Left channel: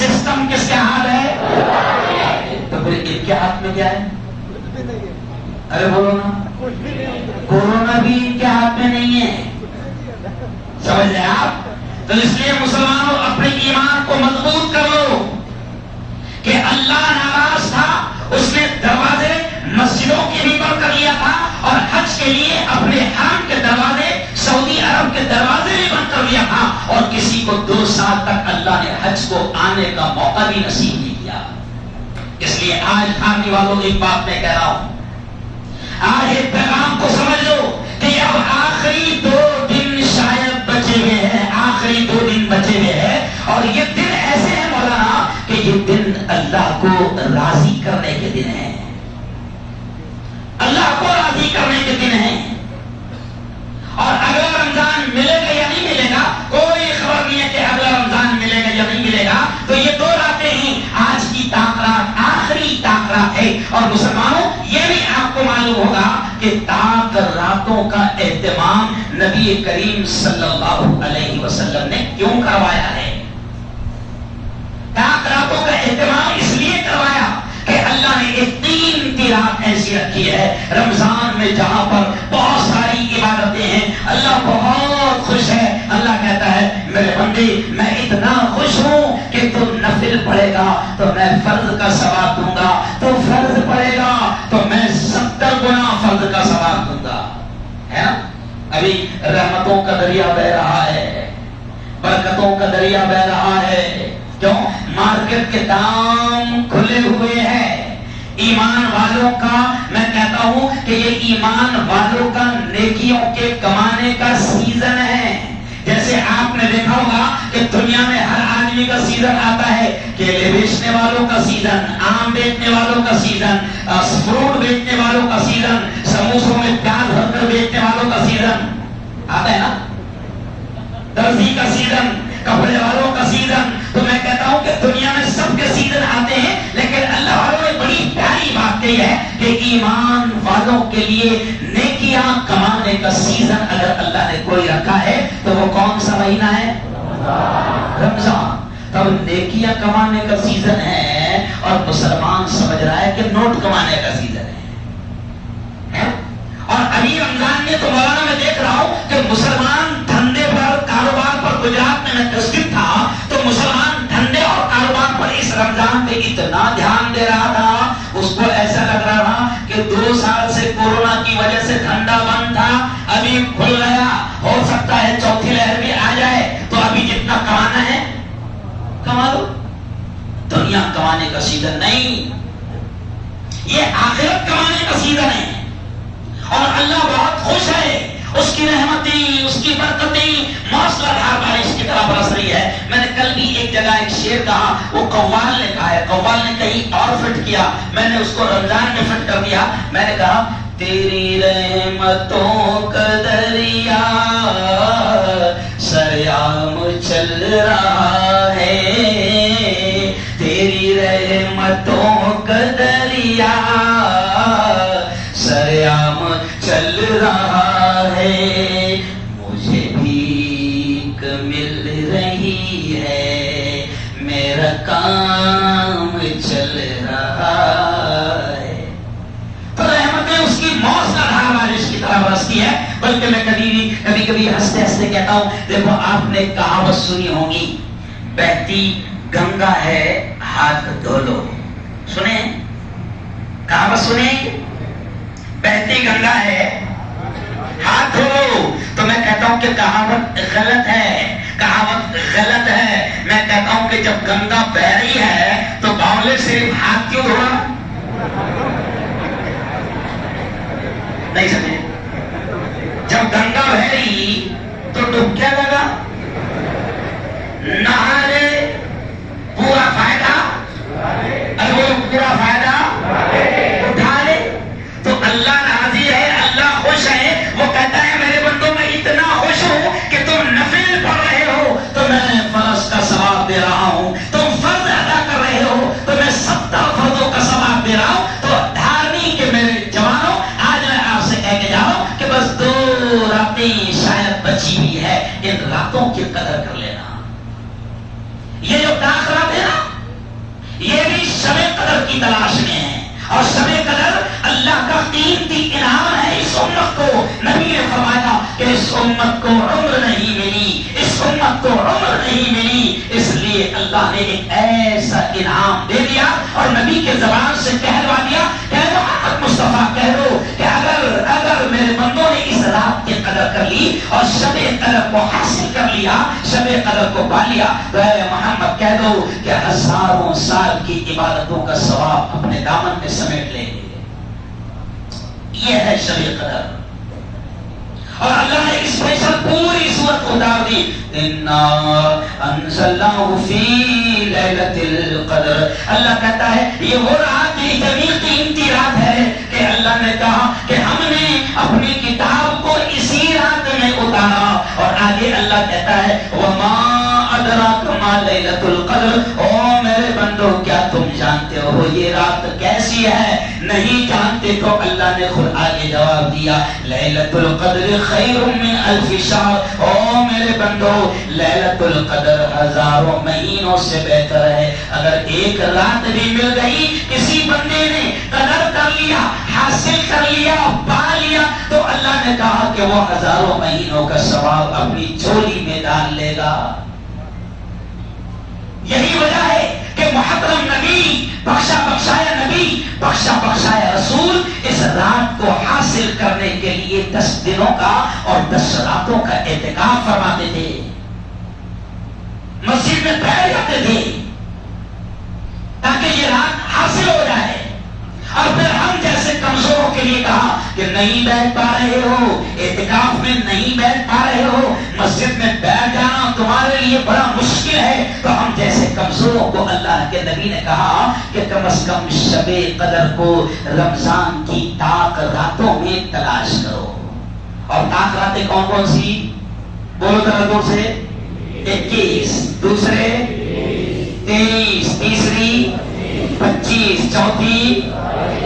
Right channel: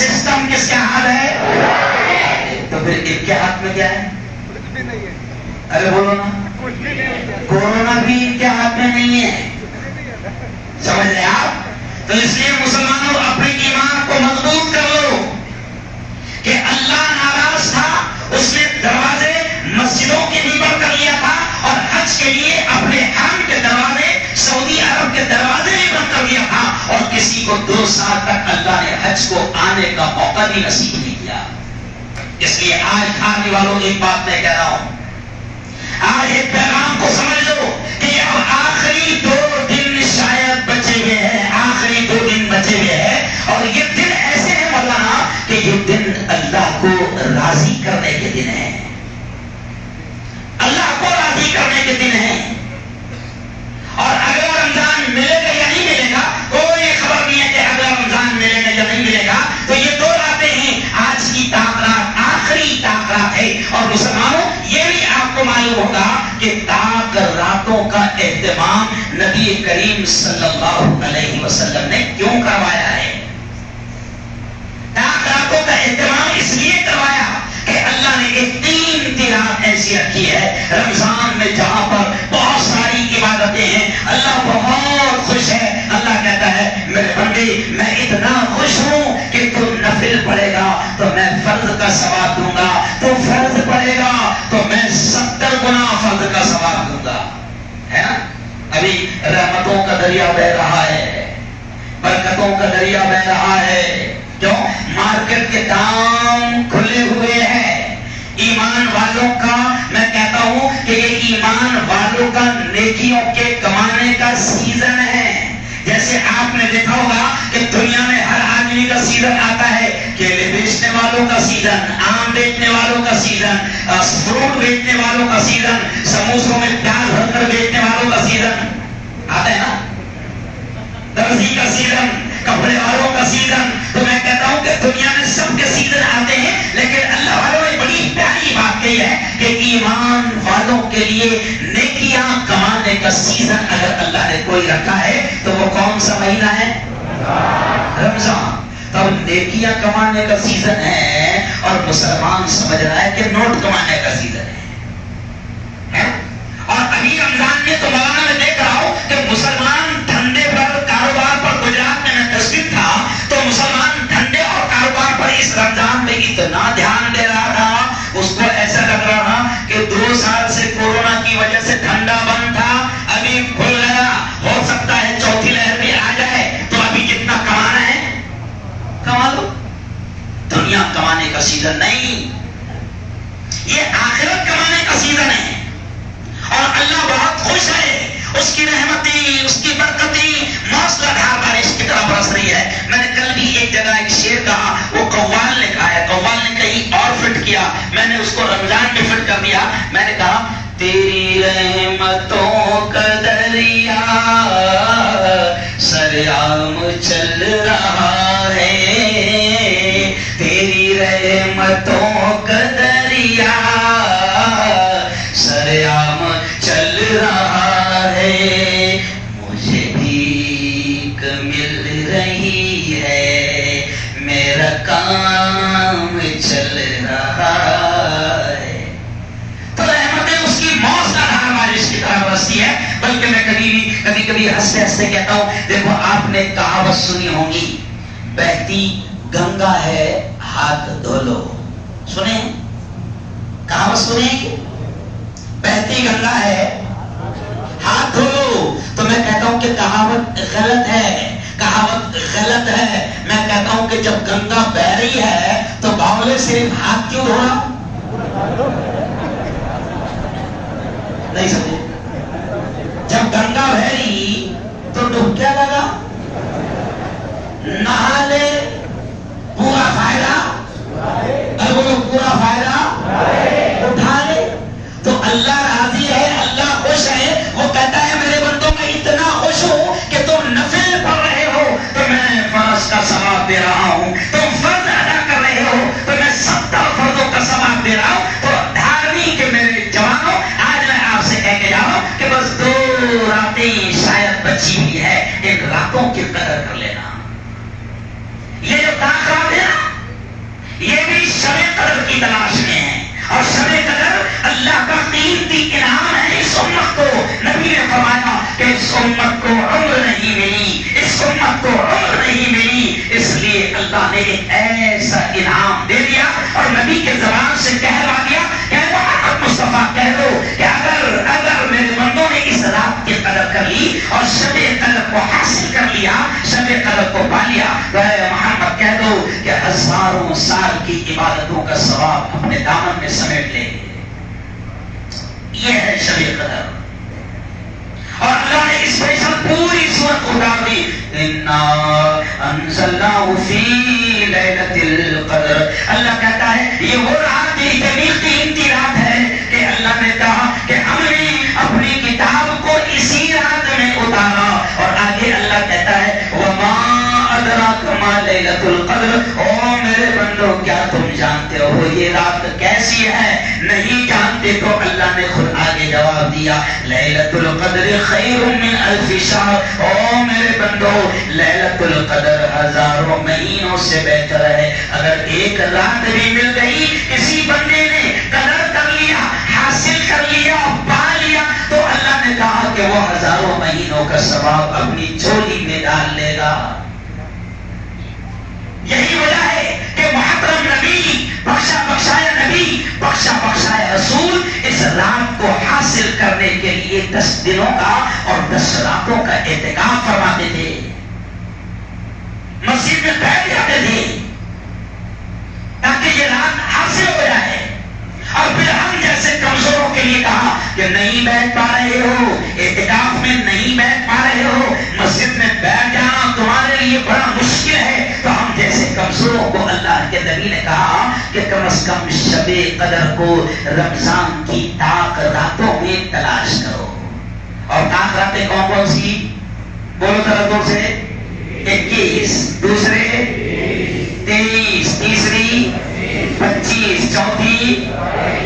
System کس کے ہاتھ ہے؟ تو پھر ان کے ہاتھ میں کیا ہے؟ ارے بولو نا، کورونا بھی ان کے ہاتھ میں نہیں ہے، سمجھ رہے آپ؟ تو اس لیے مسلمانوں اپنے ایمان کو مضبوط کر لو کہ اللہ ناراض تھا، اس نے دروازے مسجدوں کے بھی بند کر لیا تھا اور حج کے لیے اپنے حرم کے دروازے سعودی عرب کے دروازے بھی بند کر لیا تھا، اور کسی کو 2 سال تک اللہ نے حج کو آنے کا موقع بھی نصیب نہیں کیا۔ اس لیے آج کھانے والوں ایک بات میں کہہ رہا ہوں، آج ایک پیغام کو سمجھ لو کہ اب آخری 2 دن شاید بچے ہوئے ہیں، آخری 2 دن بچے ہوئے ہیں، اور یہ دن ایسے ہیں مولانا کہ یہ دن اللہ کو راضی کرنے کے دن ہیں، اللہ کو راضی کرنے کے دن ہیں۔ اور اگلا رمضان ملے گا یا نہیں ملے گا کوئی خبر نہیں ہے کہ اگلا رمضان ملے گا یا نہیں ملے گا، تو یہ 2 راتیں ہیں، آج کی تاک آخری تاک رات ہے۔ اور مسلمانوں یہ بھی آپ کو معلوم ہوگا کہ تاک راتوں کا اہتمام نبی کریم صلی اللہ علیہ وسلم نے کیوں کروایا ہے؟ تاک راتوں کا اہتمام اس لیے کروایا کہ اللہ نے ایک 3 کی رات ایسی رکھی ہے رمضان میں جہاں پر بہت ساری عبادتیں ہیں، اللہ بہت خوش ہے۔ اللہ کہتا ہے میرے بندے میں اتنا خوش ہوں کہ تو نفل پڑھے گا تو میں فرض کا ثواب دوں گا، تو فرض پڑھے گا تو میں 70 گنا فرض کا ثواب دوں گا، ہے نا؟ ابھی رحمتوں کا دریا بہ رہا ہے، برکتوں کا دریا بہ رہا ہے، کیوں؟ مارکیٹ کے دام کھلے ہوئے ہیں۔ ایمان والوں کا میں کہتا ہوں کہ یہ ایمان والوں کا نیکیوں کے کمانے کا سیزن ہے۔ جیسے آپ نے دیکھا ہوگا کہ دنیا میں ہر آدمی کا سیزن آتا ہے، کیلے بیچنے والوں کا سیزن، آم بیچنے والوں کا سیزن، فروٹ بیچنے والوں کا سیزن، سموسوں میں پیاز بھر کر بیچنے والوں کا سیزن آتا ہے نا، درزی کا سیزن، کپڑے والوں کا سیزن۔ تو میں کہتا ہوں کہ دنیا میں سب کے سیزن آتے ہیں، لیکن اللہ والوں نے بڑی پیاری بات کہی ہے کہ ایمان والوں کے لیے نیکیاں کمانے کا سیزن اگر اللہ نے کوئی رکھا ہے تو وہ کون سا مہینہ ہے؟ رمضان۔ تب نیکیاں کمانے کا سیزن ہے اور مسلمان سمجھ رہا ہے کہ نوٹ کمانے کا سیزن ہے۔ اور ابھی رمضان میں تو مولانا میں دیکھ رہا ہوں کہ مسلمان دھندے پر، کاروبار پر، گجرات میں تشریف تھا تو مسلمان دھندے اور کاروبار پر اس رمضان میں اتنا دھیان دے رہا تھا، اس کو ایسا لگ رہا تھا کہ 2 سال سے کورونا کی وجہ سے دھندا بند تھا، ابھی کھل گیا، ہو سکتا ہے 4تھی لہر بھی آ جائے تو ابھی جتنا کمانا ہے کما لو۔ دنیا کمانے کا سیزن نہیں، یہ آخرت کمانے کا سیزن ہے، اور اللہ بہت خوش ہے، اس کی رحمتی، اس کی برکتی موسلا دھار بارش کی طرح برس رہی ہے۔ میں نے کل بھی ایک جگہ ایک شعر کہا، وہ قوال نے کہا ہے، قوال نے کہیں اور فٹ کیا، میں نے اس کو رمضان میں فٹ کر دیا۔ میں نے کہا تیری رحمتوں کا دریا سریام چل رہا ہے، تیری رحمتوں کا دریا سریام چل رہا ہے، مجھے بھیک مل رہی ہے، میرا کام چل رہا ہے۔ تو رحمتیں اس کی موسلادھار بارش کی طرح برستی ہے۔ بلکہ میں کبھی کبھی ہنستے ہنستے کہتا ہوں، دیکھو آپ نے کہاوت سنی ہوگی، بہتی گنگا ہے ہاتھ دھو لو، سنے؟ کہاوت سنے؟ بہتی گنگا ہے ہاتھ دھو لو۔ تو میں کہتا ہوں کہ کہاوت غلط ہے، کہاوت غلط ہے۔ میں کہتا ہوں کہ جب گنگا بہ رہی ہے تو باولے صرف ہاتھ کیوں دھونا؟ نہیں سمجھے؟ جب گنگا بہ رہی تو ڈب کیا لگا؟ نہا لے، پورا فائدہ، ارے وہ پورا فائدہ اٹھا لے۔ تو اللہ راضی ہے، اللہ خوش ہے، وہ کہتا ہے میرے بندوں میں اتنا خوش ہوں کہ تم نفل پڑھ رہے ہو تو میں فرض کا ثواب دے رہا ہوں، تم فرض ادا کر رہے ہو تو میں 70 فرضوں کا ثواب دے رہا ہوں۔ تو دھارمی کے میرے جوانوں، آج میں آپ سے کہہ کے جا رہا ہوں کہ بس 2 راتیں شاید بچی ہوئی ہے، ان راتوں کی قدر کر لینا۔ یہ جو تاخرات ہے نا، کی تلاش میں ہیں، اور شب قدر اللہ کا قیمتی انعام ہے اس امت کو۔ نبی نے فرمایا کہ اس امت کو عمر نہیں ملی، اس امت کو عمر نہیں ملی، اس لیے اللہ نے ایک ایسا انعام دے دیا اور نبی کے زبان سے کہلوا دیا کہ محمد مصطفیٰ کہہ دو کہ اگر میرے بندوں نے اس رات کی قدر کر لی اور شب قدر کو حاصل کر لیا، شب قدر کو پا لیا، تو اے محمد کہہ دو کہ ہزاروں سال کی عبادتوں کا ثواب اپنے دامن میں سمیٹ لے۔ یہ ہے شب قدر، اور اللہ نے اس میں سب پوری صورت اتار دی۔ اِنَّا أَنزَلْنَاهُ فِي لَيْلَةِ الْقَدْرِ، اللہ کہتا ہے یہ وہ رات، یہ اتنی قیمتی رات ہے کہ اللہ نے کہا کہ ہم نے اپنی کتاب کو اسی رات میں اتارا، اور آگے اللہ کہتا ہے وَمَا أَدْرَاكَ مَا لَيْلَةُ الْقَدْرِ، او میرے بندو کیا تم جانتے ہو یہ رات کیسی ہے؟ نہیں جانتے تو اللہ نے خود آگے جواب دیا لیلۃ القدر خیر من الف شہر، او میرے بندو لیلۃ القدر ہزاروں مہینوں سے بہتر ہے۔ اگر ایک رات بھی مل گئی، کسی بندے نے قدر کر لیا، حاصل کر لیا، پا لیا، تو اللہ نے کہا کہ وہ ہزاروں مہینوں کا ثواب اپنی جھولی میں ڈال لے گا۔ یہی وجہ ہے کہ محترم نبی، بخشا بخشایا نبی، بخشا بخشایا رسول اس رات کو حاصل کرنے کے لیے 10 دنوں کا اور 10 راتوں کا اعتکاف فرماتے تھے، مسجد میں بیٹھ جاتے تھے تاکہ یہ رات حاصل ہو جائے۔ اور پھر ہم جیسے کمزوروں کے لیے کہا کہ نہیں بیٹھ پا رہے ہو، اعتکاف میں نہیں بیٹھ پا رہے ہو، مسجد میں بیٹھ جانا تمہارے لیے بڑا مشکل ہے، تو ہم جیسے کمزوروں کو اللہ کے نبی نے کہا کہ کم از کم شب قدر کو رمضان کی طاق راتوں میں تلاش کرو۔ اور طاق راتیں کون کون سی؟ بولو ذرا دور سے۔ 21، دوسرے 23، تیسری 25، چوتھی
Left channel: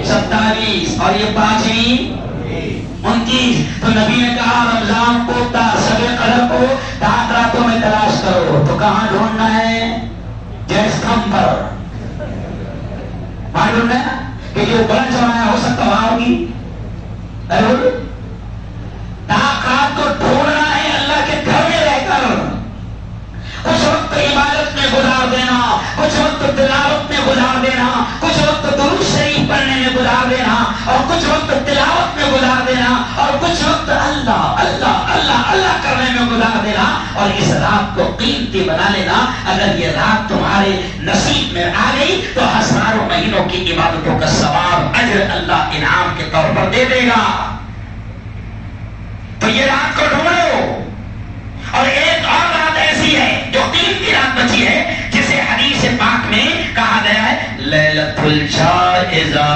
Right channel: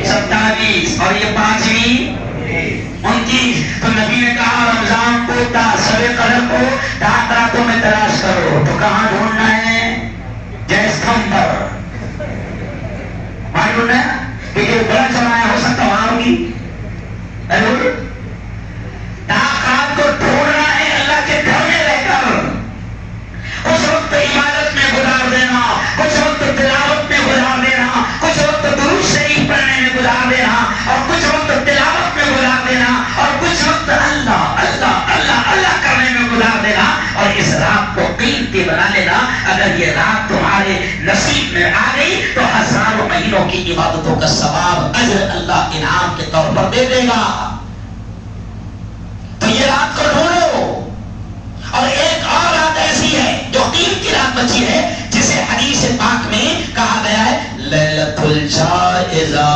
27، اور یہ 5ویں 29۔ تو نبی نے کہا رمضان کو شب قدر کو طاق راتوں میں تلاش کرو، تو کہاں ڈھونڈنا ہے؟ جیسکم پر وہاں ڈھونڈنا ہے، کیونکہ بڑا سرمایہ ہو سکتا وہاں ہوگی۔ طاق رات کو ڈھونڈنا ہے اللہ کے گھر میں رہ کر، کچھ وقت عبادت میں گزار دینا، کچھ وقت تلاوت میں گزار دینا، کچھ وقت درود شریف پڑھنے میں گزار دینا، اور کچھ وقت تلاوت میں گزار دینا، اور کچھ وقت اللہ اللہ اللہ اللہ کرنے میں گزار دینا، اور اس رات کو قیمتی بنا لینا۔ اگر یہ رات تمہارے نصیب میں آ گئی تو ہزاروں مہینوں کی عبادتوں کا ثواب اجر اللہ انعام کے طور پر دے دے گا۔ تو یہ رات کو ڈھونڈو۔ اور ایک اور رات ایسی ہے جو قیمتی رات بچی ہے، جسے حدیث پاک میں کہا گیا ہے لیلۃ الجائزہ۔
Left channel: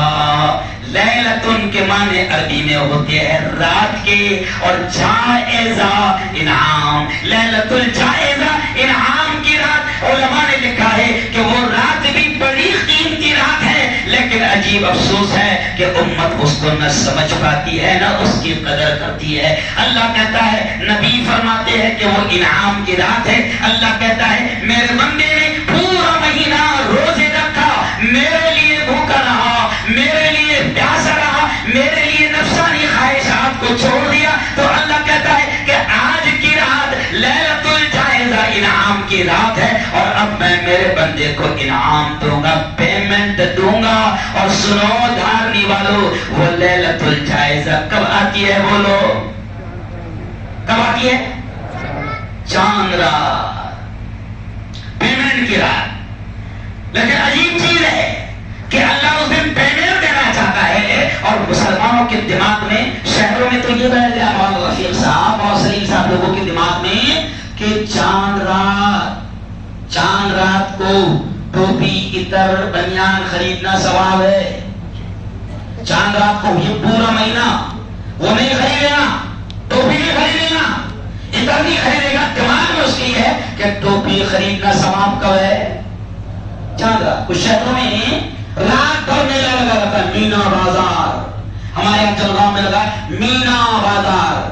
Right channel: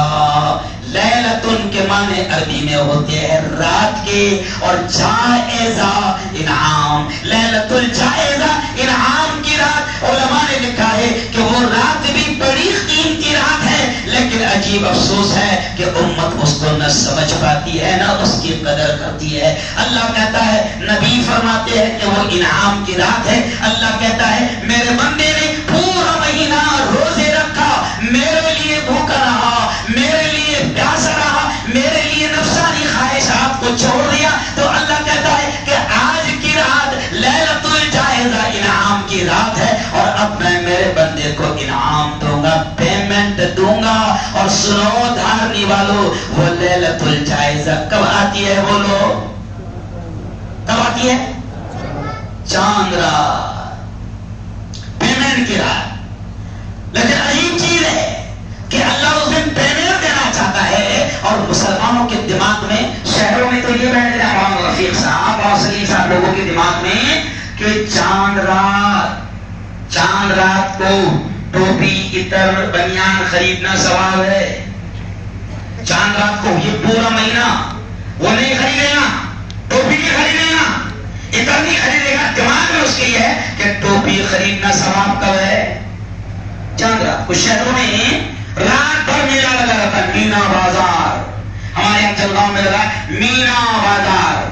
لیلۃن کے معنی عربی میں ہوتے ہیں رات کے، اور جائزہ انعام۔ لیلۃ الجائزہ انعام کی رات، علماء نے لکھا ہے کہ وہ رات بھی بڑی قیمتی رات ہے، لیکن عجیب افسوس ہے کہ امت اس کو نہ سمجھ پاتی ہے، نہ اس کی قدر کرتی ہے۔ اللہ کہتا ہے، نبی فرماتے ہیں کہ وہ انعام کی رات ہے۔ اللہ کہتا ہے میرے بندے نے پورا مہینہ روزے رکھا، میرے لیے بھوکا رہا، میرے لیے پیاسا رہا، میرے لیے نفسانی خواہشات کو چھوڑ دیا، تو اللہ کہتا ہے کہ آج کی رات لیلۃ الجائزہ انعام کی رات ہے، اور اب میں میرے بندے کو انعام دوں گا، پیمنٹ دوں گا۔ اور سنو دھارمی والو، وہ لیلۃ الجائزہ کب آتی ہے؟ بولو کب آتی ہے؟ چاند رات، پیمنٹ کی رات۔ لیکن عجیب چیز ہے کہ اللہ اس دن پیمنٹ دینا چاہتا ہے، اور مسلمانوں کے دماغ میں، شہروں میں تو یہ بیٹھ گیا، مولانا رفیق صاحب اور سلیم صاحب لوگوں کے دماغ میں کہ چاند رات کو ٹوپی، عطر، بنیان خریدنا ثواب ہے۔ چاند رات کو یہ پورا مہینہ وہ نہیں خریدے گا، ٹوپی نہیں خریدے گا، عطر نہیں خریدے گا، دماغ میں اس کے یہ ہے کہ ٹوپی خریدنا ثواب کب ہے؟ چاند رات کو۔ شہروں میں رات بھر میلہ لگا رہتا ہے، مینا بازار، ہمارے یہاں جلگاؤں میں لگا مینا بازار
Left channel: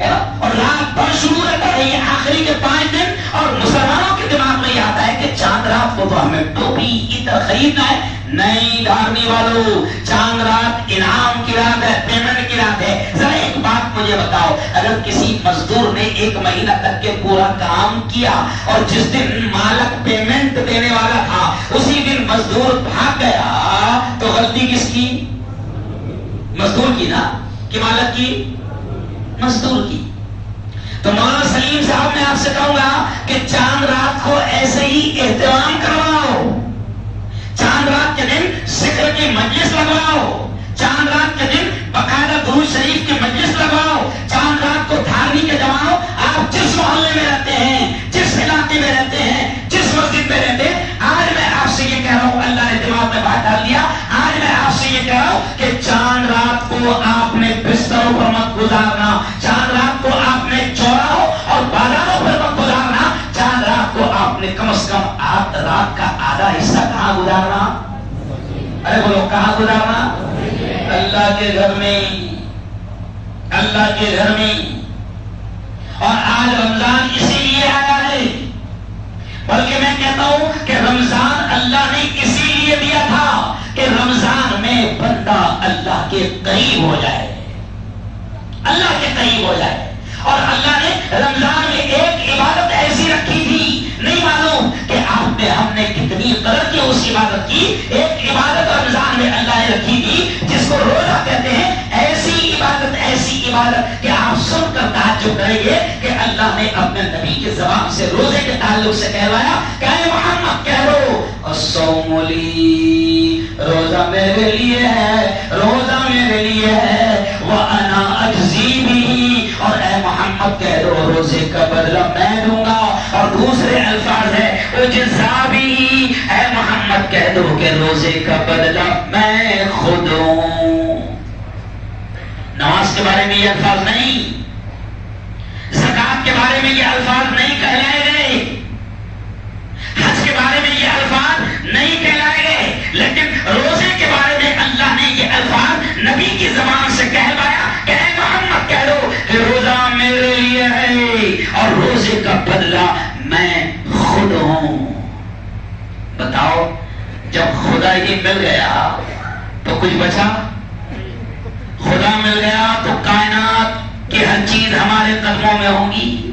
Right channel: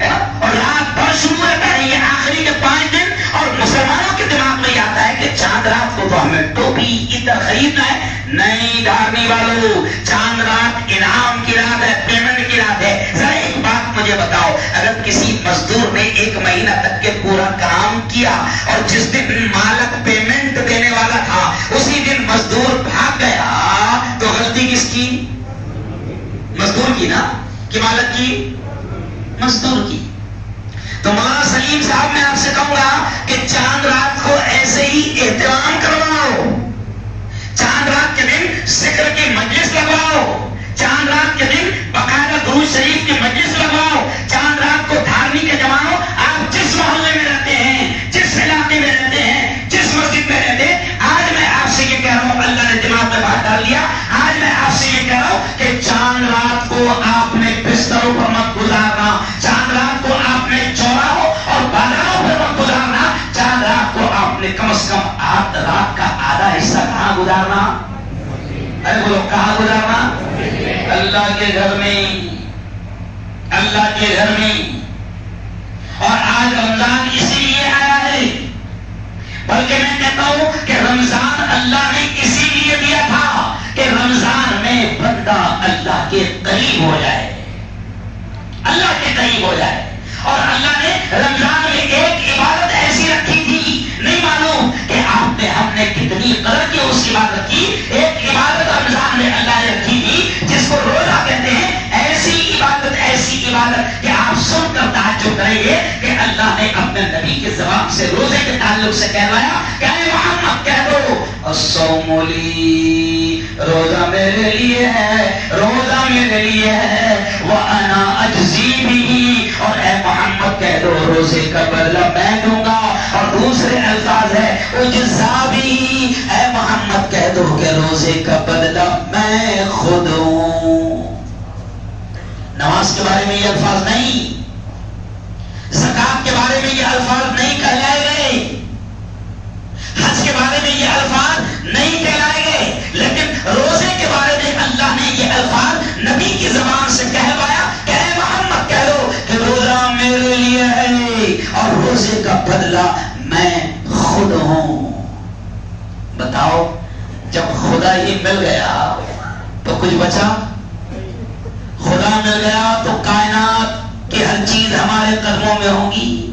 ہے نا، اور رات بھر شروع رہتا ہے، یہ آخری کے 5 دن، اور مسلمانوں کے دماغ میں یہ آتا ہے کہ چاند رات کو تو ہمیں ٹوپی عطر خریدنا ہے. نہیں دھارنی والوں، چاند رات انعام کی رات ہے، پیمنٹ کی رات ہے. ذرا ایک بات مجھے بتاؤ، اگر کسی مزدور نے 1 مہینہ تک کے پورا کام کیا اور جس دن مالک پیمنٹ دینے والا تھا اسی دن مزدور بھاگ گیا تو غلطی کس کی؟ مزدور کی نا، کہ مالک کی؟ مزدور کی. تو مولانا سلیم صاحب میں آپ سے کہوں گا کہ چاند رات کو ایسے ہی احترام کرواؤ، چاند رات کے دن ذکر کی مجلس لگواؤ، چاند رات کے دن باقاعدہ درود شریف کی مجلس لگواؤ، چاند رات کو دھارنی کے جماؤ. آپ جس محلے میں رہتے ہیں، جس علاقے میں رہتے ہیں، جس مسجد میں رہتے ہیں، آج میں آپ سے یہ کہہ رہا ہوں، اللہ نے دماغ میں بات ڈال دیا، آج میں آپ سے یہ کہہ رہا ہوں کہ چاند رات کو آپ نے بستروں پر مت گزارنا، چاند رات کو آپ نے چوراہوں اور بازاروں پر مت گزارنا، چاند رات کو آپ نے کم از کم رات کا آدھا حصہ کہاں گزارنا؟ ارے بولو کہاں گزارنا؟ اللہ کے گھر میں، اللہ کے گھر میں. اور آج رمضان اسی لیے آیا ہے، بلکہ میں کہتا ہوں کہ رمضان اللہ نے اسی لیے دیا تھا کہ رمضان میں بندہ اللہ کے قریب ہو جائے، اللہ کے قریب ہو جائے. اور اللہ نے رمضان میں ایک عبادت ایسی رکھی تھی، نہیں معلوم کہ آپ نے ہم نے کتنی قدر کی اس عبادت کی. ایک عبادت رمضان میں اللہ نے رکھی تھی جس کو روزہ کہتے ہیں. ایسی عبادت کہ آپ سن کر تعجب کریں گے کہ اللہ نے اپنے نبی کی زبان سے روزے کے تعلق سے کہلوایا کہ اے محمد کہہ دو الصوم لی، روزہ میرے لیے ہے، روزہ میرے لیے ہے، وانا اجزی بھی، اور اے محمد کہہ دو روزے کا بدلہ میں دوں گا. اور دوسرے الفاظ ہے اجزا بھی، اے محمد کہہ دو کہ روزے کا بدلہ میں خود ہوں. نماز کے بارے میں یہ الفاظ نہیں، زکات کے بارے میں یہ الفاظ نہیں کہلائے گئے، حج کے بارے میں یہ الفاظ نہیں کہلائے گئے، لیکن روزے کے بارے میں اللہ نے یہ الفاظ نبی کی زبان سے کہلوایا کہ اے محمد کہہ دو کہ روزہ میرے لیے ہے اور روزے کا بدلہ میں خود ہوں. بتاؤ، جب خدا ہی مل گیا تو کچھ بچا؟ خدا مل گیا تو کائنات کی ہر چیز ہمارے قدموں میں ہوگی.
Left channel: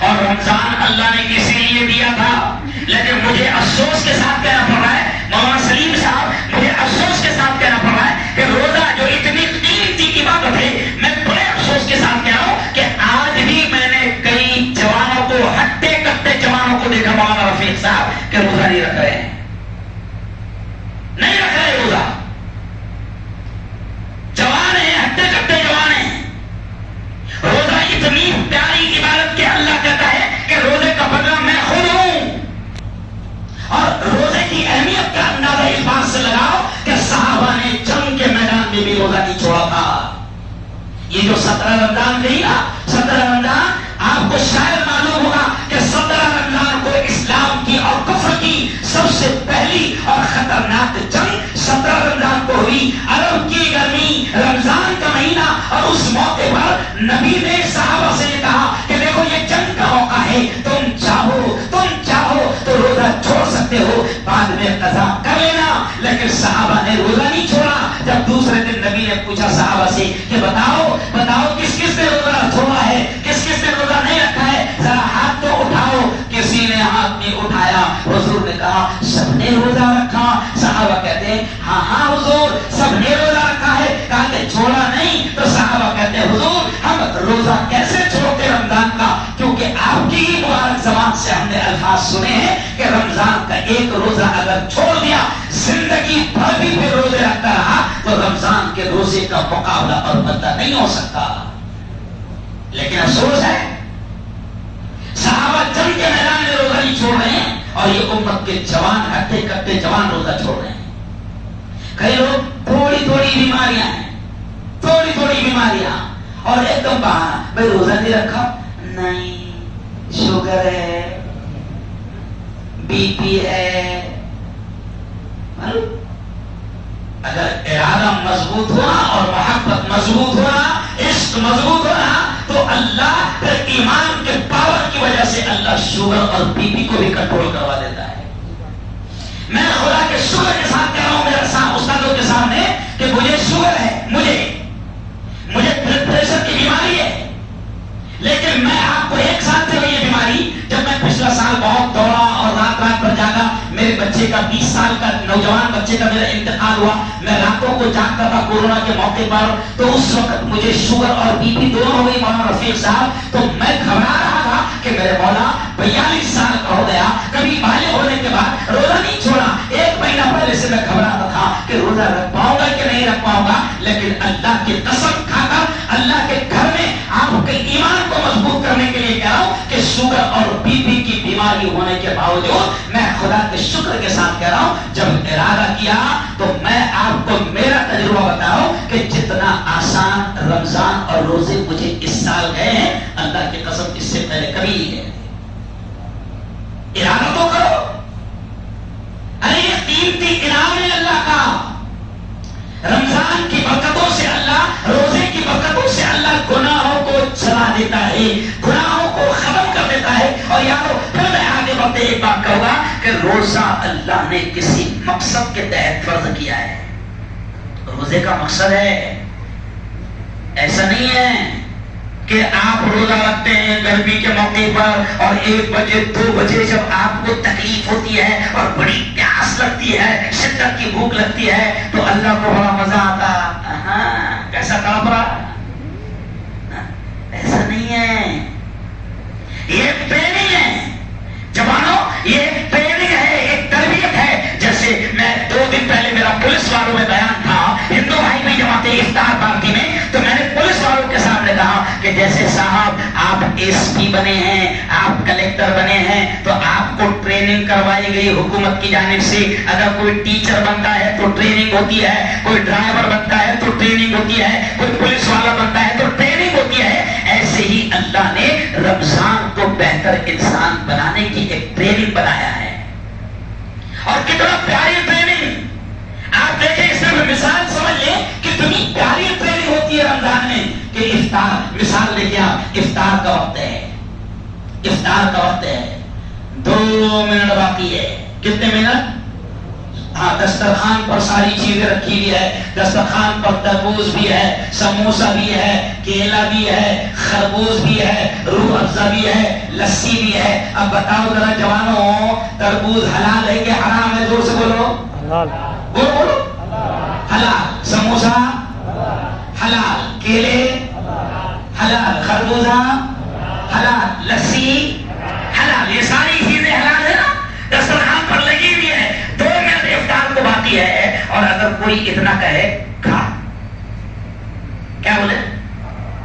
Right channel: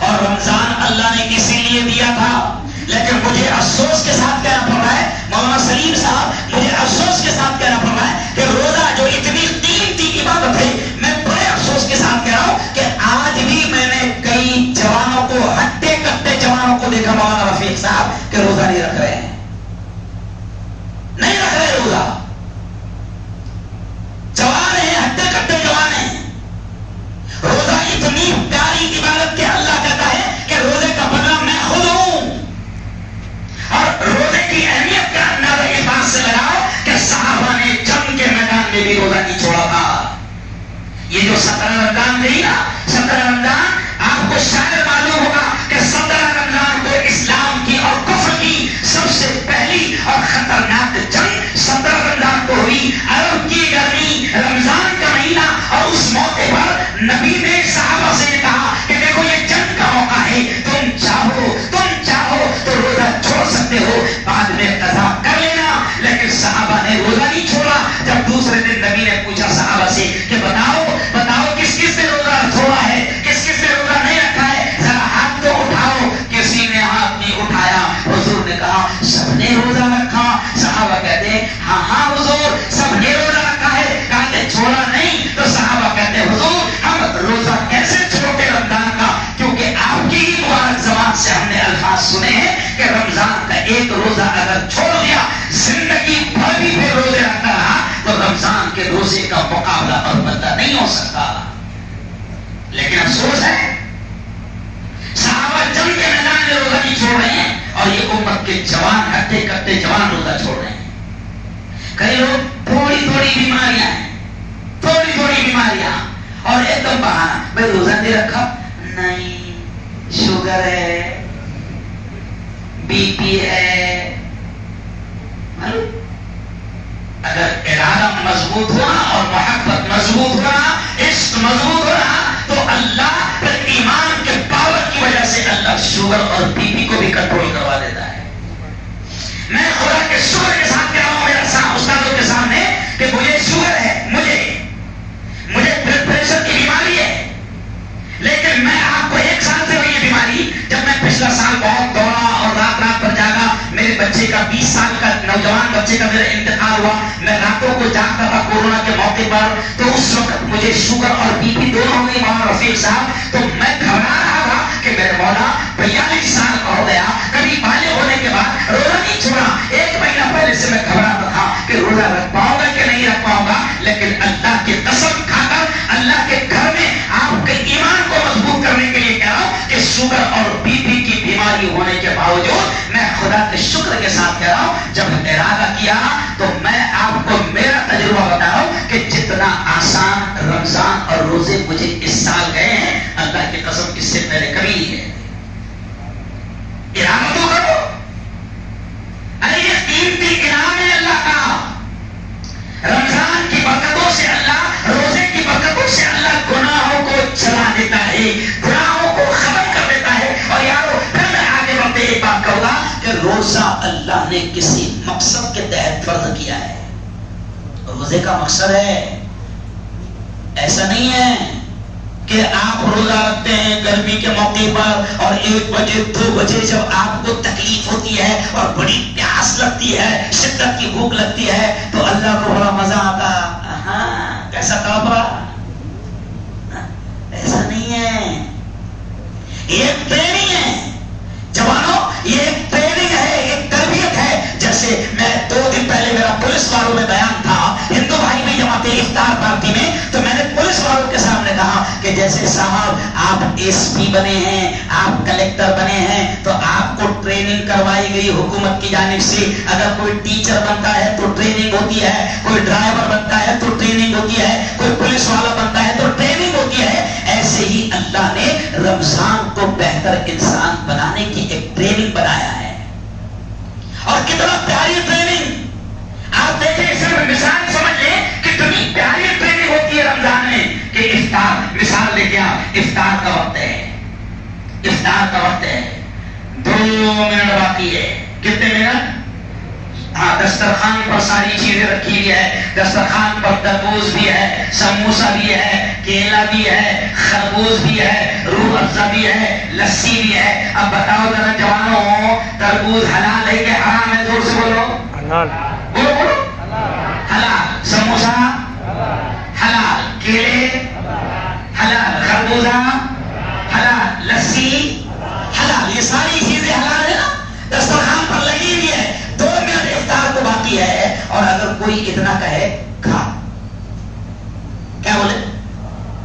اور رمضان اللہ نے اسی لیے دیا تھا. لیکن مجھے افسوس کے ساتھ کہنا پڑ رہا ہے مولانا سلیم صاحب، مجھے افسوس کے ساتھ کہنا پڑ رہا ہے کہ روزہ جو اتنی قیمتی عبادت ہے، میں بڑے افسوس کے ساتھ کہہ رہا ہوں کہ آج بھی میں نے کئی جوانوں کو، ہٹے کٹے جوانوں کو دیکھا مولانا رفیق صاحب کہ روزہ نہیں رکھ رہے ہیں، نہیں رکھ رہے روزہ. جوان ہیں، ہٹے کٹے جوان ہیں. روزہ اتنی پیاری عبادت کہ اللہ کہتا ہے کہ روزے کا بدلہ میں خود ہوں. اور روزے کی اہمیت کا اندازہ اس بات سے لگاؤ کہ صحابہ نے جنگ کے میدان میں بھی روزہ نہیں چھوڑا تھا. یہ جو 17 رمضان رہی نا، 17 رمضان آپ کو شاید معلوم ہوگا کہ 17 رمضان کو اسلام کی اور کفر کی سب سے پہلی اور خطرناک جنگ 17 رمضان کو ہوئی. عرب کی گرمی، رمضان کا مہینہ، اور اس موقع پر نبی نے صحابہ سے یہ کہا کہ دیکھو یہ جنگ کا موقع ہے، تم چاہو تو روزہ چھوڑ سکتے ہو، بعد میں قضا کر لینا. لیکن صحابہ نے روزہ نہیں چھوڑا. جب دوسرے دن نبی نے پوچھا صحابہ سے کہ بتاؤ کس کس نے روزہ چھوڑا ہے، کس کس نے روزہ نہیں رکھا ہے، ذرا ہاتھ تو اٹھاؤ. کسی نے ہاتھ نہیں اٹھایا. حضور نے کہا سب نے روزہ رکھا. صحابہ کہتے ہیں ہاں حضور سب نے روزہ رکھا ہے. کہا کہ چھوڑا نہیں. تو صحابہ کہتے ہیں حضور ہم روزہ کیسے چھوڑتے رمضان کا، کیونکہ آپ کی ہی مبارک زبان سے ہم نے الفاظ سنے ہیں کہ رمضان کا ایک روزہ اگر چھوڑ دیا، زندگی بھر بھی پھر روزے رکھتا رہا تو رمضان کے روزے کا مقابلہ اور بدلہ نہیں ہو سکتا. لیکن افسوس ہے صحابہ جنگ کے میدان میں روزہ نہیں چھوڑ رہے ہیں اور یہ امت کے جوان، ہٹے کٹے جوان روزہ چھوڑ رہے ہیں. کئی لوگ تھوڑی بیماریاں ہیں، تھوڑی بیماریاں، اور ایک دم بہانا میں روزہ نہیں رکھا، نہیں شوگر ہے، بی پی ہے. اگر ارادہ مضبوط ہوا اور محبت مضبوط ہوا، عشق مضبوط ہوا تو اللہ پھر ایمان کے پاور کی وجہ سے اللہ شوگر اور بی پی کو بھی کنٹرول کروا دیتا ہے. میں خدا کے شکر کے ساتھ کہہ رہا ہوں میرے استادوں کے سامنے کہ مجھے شوگر ہے، مجھے بلڈ پریشر کی بیماری ہے، لیکن میں آپ کو 1 سال سے یہ بیماری، جب میں پچھلا سال بہت دوڑا اور رات پر جاگا، میرے بچے کا 20 سال کا نوجوان بچے کا میرا انتقال ہوا، میں راتوں کو جاگتا تھا کورونا کے موقع پر، تو اس وقت مجھے شوگر اور بی پی دونوں ہو گئی مولانا رفیق صاحب، تو میں گھبرا رہا تھا کہ میرے مولا 42 سال کا ہو گیا، کبھی بالغ ہونے کے بعد روزہ نہیں چھوڑا، 1 مہینہ پہلے سے میں گھبراتا تھا کہ روزہ رکھ پاؤں گا کہ نہیں رکھ پاؤں گا، لیکن اللہ کی قسم کھا کر اللہ کے گھر میں آپ کے ایمان کو مضبوط کرنے کے لیے کہہ رہا ہوں کہ شوگر اور بی پی کی بیماری ہونے کے باوجود میں خدا کے شکر کے ساتھ کہہ رہا ہوں، جب ارادہ کیا تو میں آپ کو میرا تجربہ بتا رہا ہوں کہ جتنا آسان رمضان اور روزے مجھے اس سال گئے ہیں، اللہ کی قسم اس سے پہلے کبھی نہیں گئے۔ ارادہ تو کرو، ارے یہ قیمتی انعام ہے اللہ کا، رمضان کی برکتوں سے اللہ، روزے کی برکتوں سے اللہ گناہوں کو چلا دیتا ہے، گناہوں کو ختم کر دیتا ہے۔ اور یارو پھر میں آگے بڑھتے ایک بات کہوں گا کہ روزہ اللہ نے کسی مقصد کے تحت فرض کیا ہے۔ روزے کا مقصد ہے، ایسا نہیں ہے کہ آپ روزہ رکھتے ہیں گرمی کے موقع پر اور 1 بجے 2 بجے جب آپ کو تکلیف ہوتی ہے اور بڑی پیاس لگتی ہے، شدت کی بھوک لگتی ہے تو اللہ کو بڑا مزہ آتا، کیسا کافرہ، ایسا نہیں ہے، یہ ایک ٹریننگ ہے جوانوں، یہ ایک ٹریننگ ہے، ایک تربیت ہے۔ جیسے میں 2 دن پہلے میرا پولیس والوں میں بیان تھا، ہندو بھائی بھی جمع تھے افطار پارٹی میں، تو میں نے پولیس والوں کے سامنے کہا کہ جیسے صاحب آپ ایس پی بنے ہیں، آپ کلیکٹر بنے ہیں، تو آپ کو ٹریننگ کروائی گئی حکومت کی جانب سے، اگر کوئی ٹیچر بنتا ہے تو ٹریننگ ہوتی ہے، کوئی ڈرائیور بنتا ہے تو ٹریننگ ہوتی ہے، کوئی پولیس والا بنتا ہے تو ٹریننگ ہوتی ہے۔ ایسے ہی اللہ نے رمضان کو بہتر انسان بنانے کی ایک ٹریننگ بنایا ہے، اور کتنا پیاری ٹریننگ، آپ دیکھیں، صرف مثال سمجھ لیں کتنی پیاری ٹریننگ ہوتی ہے رمضان میں کہ افطار، مثال لے کے آپ، افطار کا وقت ہے، افطار کا وقت ہے، 2 منٹ باقی ہے، کتنے منٹ؟ ہاں، دسترخوان پر ساری چیزیں رکھی ہوئی ہے، دسترخوان پر تربوز بھی ہے، سموسا بھی ہے، کیلا بھی ہے، خربوز بھی ہے، روح افزا بھی ہے، لسی بھی ہے۔ اب بتاؤ ذرا جوانوں، تربوز حلال ہے کہ حرام ہے؟ زور سے بولو، حلال، بولو حلال، سموسا حلال، کیلے حلال، خربوزہ حلال، لسی حلال، یہ ساری چیزیں حلال ہے نا، دسترخوان پر لگی ہوئی ہے، 2 منٹ افطار کو باقی ہے، اور اگر کوئی اتنا کہے کھا، کیا بولے؟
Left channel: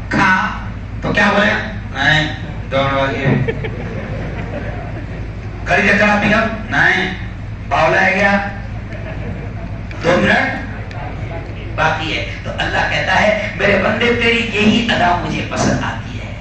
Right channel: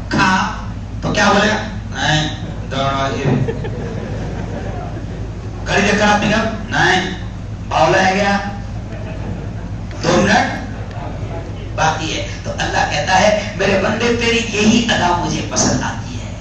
کھا، تو کیا بولے؟ نہیں، 2 منٹ باقی ہے، کڑی کے طرح پک اپ، نہیں، باولا ہے گیا، 2 منٹ باقی ہے۔ تو اللہ کہتا ہے میرے بندے تیری یہی ادا مجھے پسند آتی ہے،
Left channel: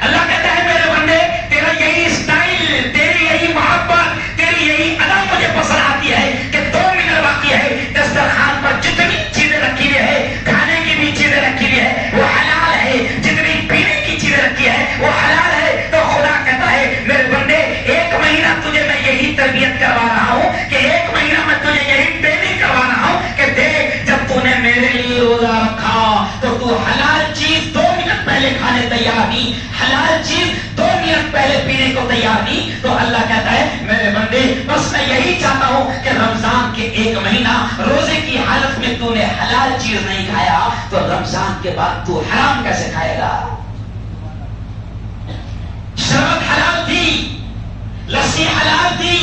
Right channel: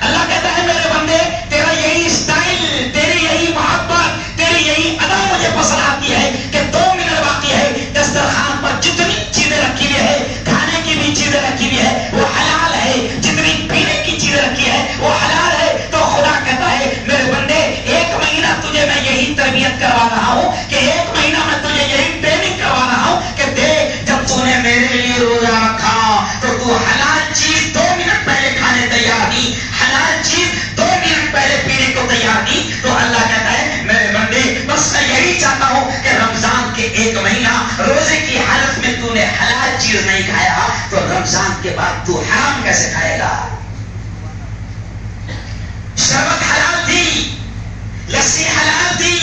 اللہ کہتا ہے میرے بندے تیرا یہی سٹائل، تیری یہی محبت، تیری یہی ادا مجھے پسند آتی ہے کہ 2 منٹ باقی ہے، دسترخوان پر جتنی چیزیں رکھی ہوئی ہے، کھانے کی بھی چیزیں رکھی ہوئی ہے وہ حلال ہے، جتنی پینے کی چیزیں رکھی ہے وہ حلال ہے۔ تو خدا کہتا ہے میرے بندے 1 مہینہ تجھے میں یہی تربیت کروا رہا ہوں کہ 1 مہینہ میں تجھے یہی ٹریننگ کروا رہا ہوں کہ دیکھ، جب تو نے میرے لیے روزہ رکھا تو حلال چیز 2 منٹ پہلے کھانے تیار تھی، حلال چیز 2 منٹ پہلے پینے کو تیار تھی۔ تو اللہ کہتا ہے میرے بندے بس میں یہی چاہتا ہوں کہ رمضان کے 1 مہینہ روزے کی حالت میں تو نے حلال چیز نہیں کھایا تو رمضان کے بعد تو حرام کیسے کھائے گا؟ شربت حلال تھی، لسی حلال تھی،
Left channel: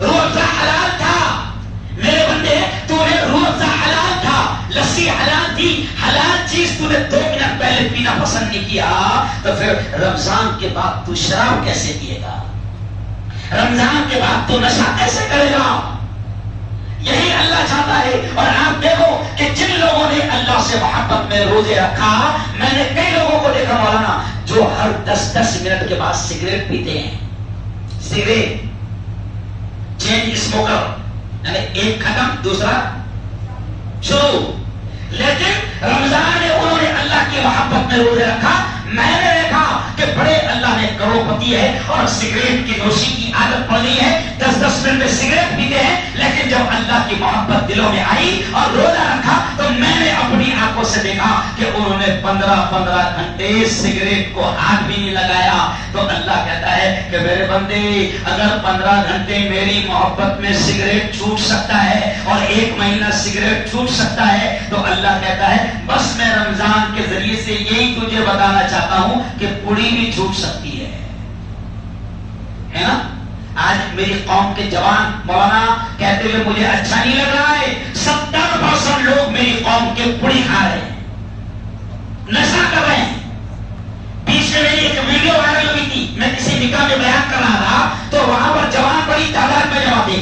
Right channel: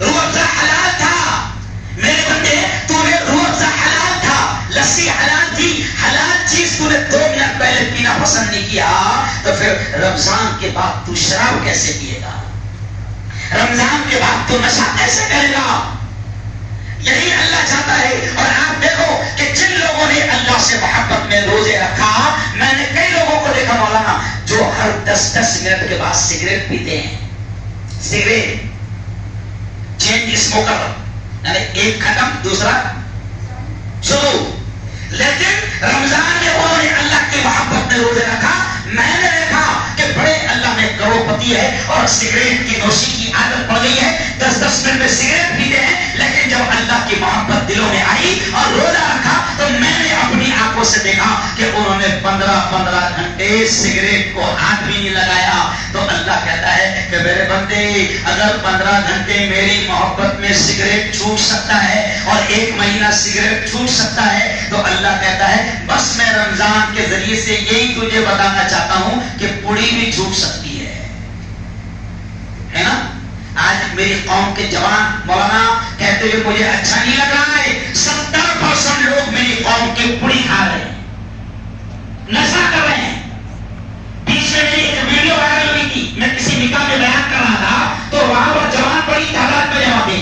روح افزا حلال تھا، میرے بندے تو نے روح افزا حلال تھا، لسی حلال تھی، حلال چیز تو نے 2 منٹ پہلے پینا پسند نہیں کیا، تو پھر رمضان کے بعد تو شراب کیسے پیے گا؟ رمضان کے بعد تو نشہ کیسے کرے گا؟ یہی اللہ چاہتا ہے۔ اور آپ دیکھو کہ جن لوگوں نے اللہ سے محبت میں روزے رکھا، میں نے کئی لوگوں کو دیکھا مولانا جو ہر 10 منٹ کے بعد سگریٹ پیتے ہیں، سگریٹ چین اسموکر، یعنی ایک ختم دوسرا شروع، لیکن رمضان میں انہوں نے اللہ کی محبت میں روزے رکھا۔ میں نے دیکھا کہ بڑے اللہ نے کروڑپتی ہے اور سگریٹ کی نوشی کی عادت پڑ گئی ہے، 10 مسجد میں سگریٹ پیتے ہیں، لیکن جب اللہ کی محبت دلوں میں آئی اور روزہ رکھا تو میں نے اپنی آنکھوں سے دیکھا کہ انہوں نے 15 گھنٹے سگریٹ کو ہاتھ بھی نہیں لگایا۔ تو اللہ کہتا ہے کہ میرے بندے اگر 15 گھنٹے میری محبت میں سگریٹ چھوٹ سکتا ہے اور 1 مہینہ سگریٹ چھوٹ سکتا ہے، تو اللہ کہتا ہے بس میں رمضان کے ذریعے سے یہی تجھے بتانا چاہتا ہوں کہ پوڑی بھی چھوٹ سکتی ہے نا۔ آج میری قوم کے جوان مولانا کہتے ہوئے مجھے اچھا نہیں لگ رہا ہے، 70% لوگ میری قوم کے پوڑی کھا رہے ہیں، نشہ کر رہے ہیں۔ پیچھے میری ایک ویڈیو وائرل ہوئی تھی، میں کسی نکاح میں بیان کر رہا تھا تو وہاں پر جوان بڑی تعداد میں جمع تھے،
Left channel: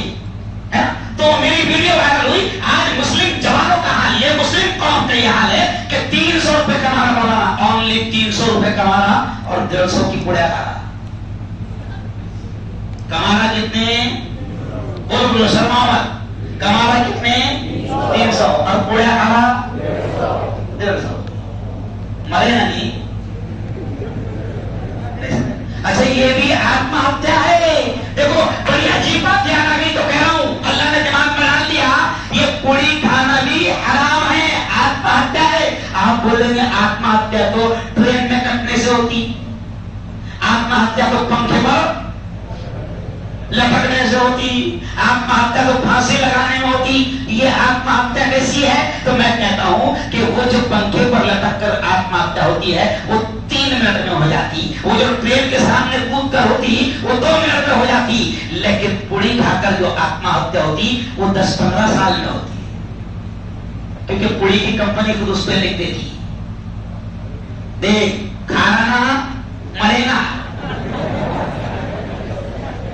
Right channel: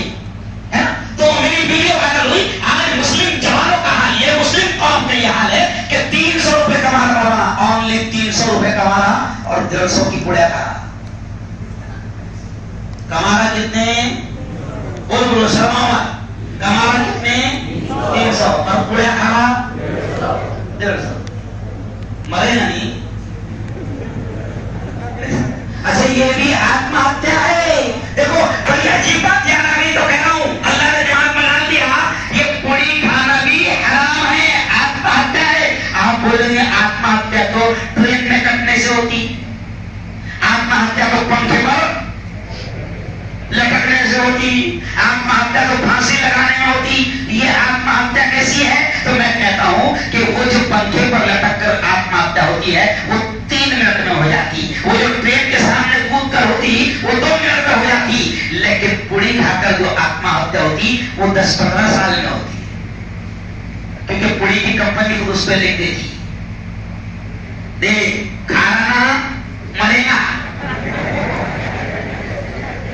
تو میری ویڈیو وائرل ہوئی۔ آج مسلم جوانوں کا حال یہ، مسلم قوم کا یہ حال ہے کہ 300 روپے کما رہا مولانا، اونلی 300 روپے کما رہا اور 150 کی پوڑیاں کھا رہا۔ کمارا کتنے؟ بولو شرماوت، کمارا کتنے؟ 300 اور پوڑیا کھانا 150۔ مرے نا نہیں؟ اچھا یہ بھی آتما ہتیا ہے۔ دیکھو بڑی عجیب بات یاد آ گئی تو کہہ رہا ہوں، اللہ نے دماغ میں ڈال دیا یہ پوڑی کھانا بھی حرام ہے، آتما ہتیا ہے۔ آپ بولیں گے آتما ہتیا تو ٹرین میں کٹنے سے ہوتی، آتما ہتیا تو پنکھے پر لٹکنے سے ہوتی، آتما ہتیا تو پھانسی لگانے میں ہوتی، یہ آتما ہتیا کیسی ہے؟ تو میں کہتا ہوں کہ وہ جو پنکھے پر لٹک کر آتما ہتیا ہوتی ہے وہ 3 منٹ میں ہو جاتی، وہ جو ٹرین کے سامنے کود کر ہوتی وہ 2 منٹ میں ہو جاتی، لیکن پوڑی کھا کر جو آتما ہتیا ہوتی وہ 10-15 سال میں ہوتی، کیونکہ پوڑی کی کمپنی خود اس پہ لکھ دیتی، دیکھ کھانا مرے گا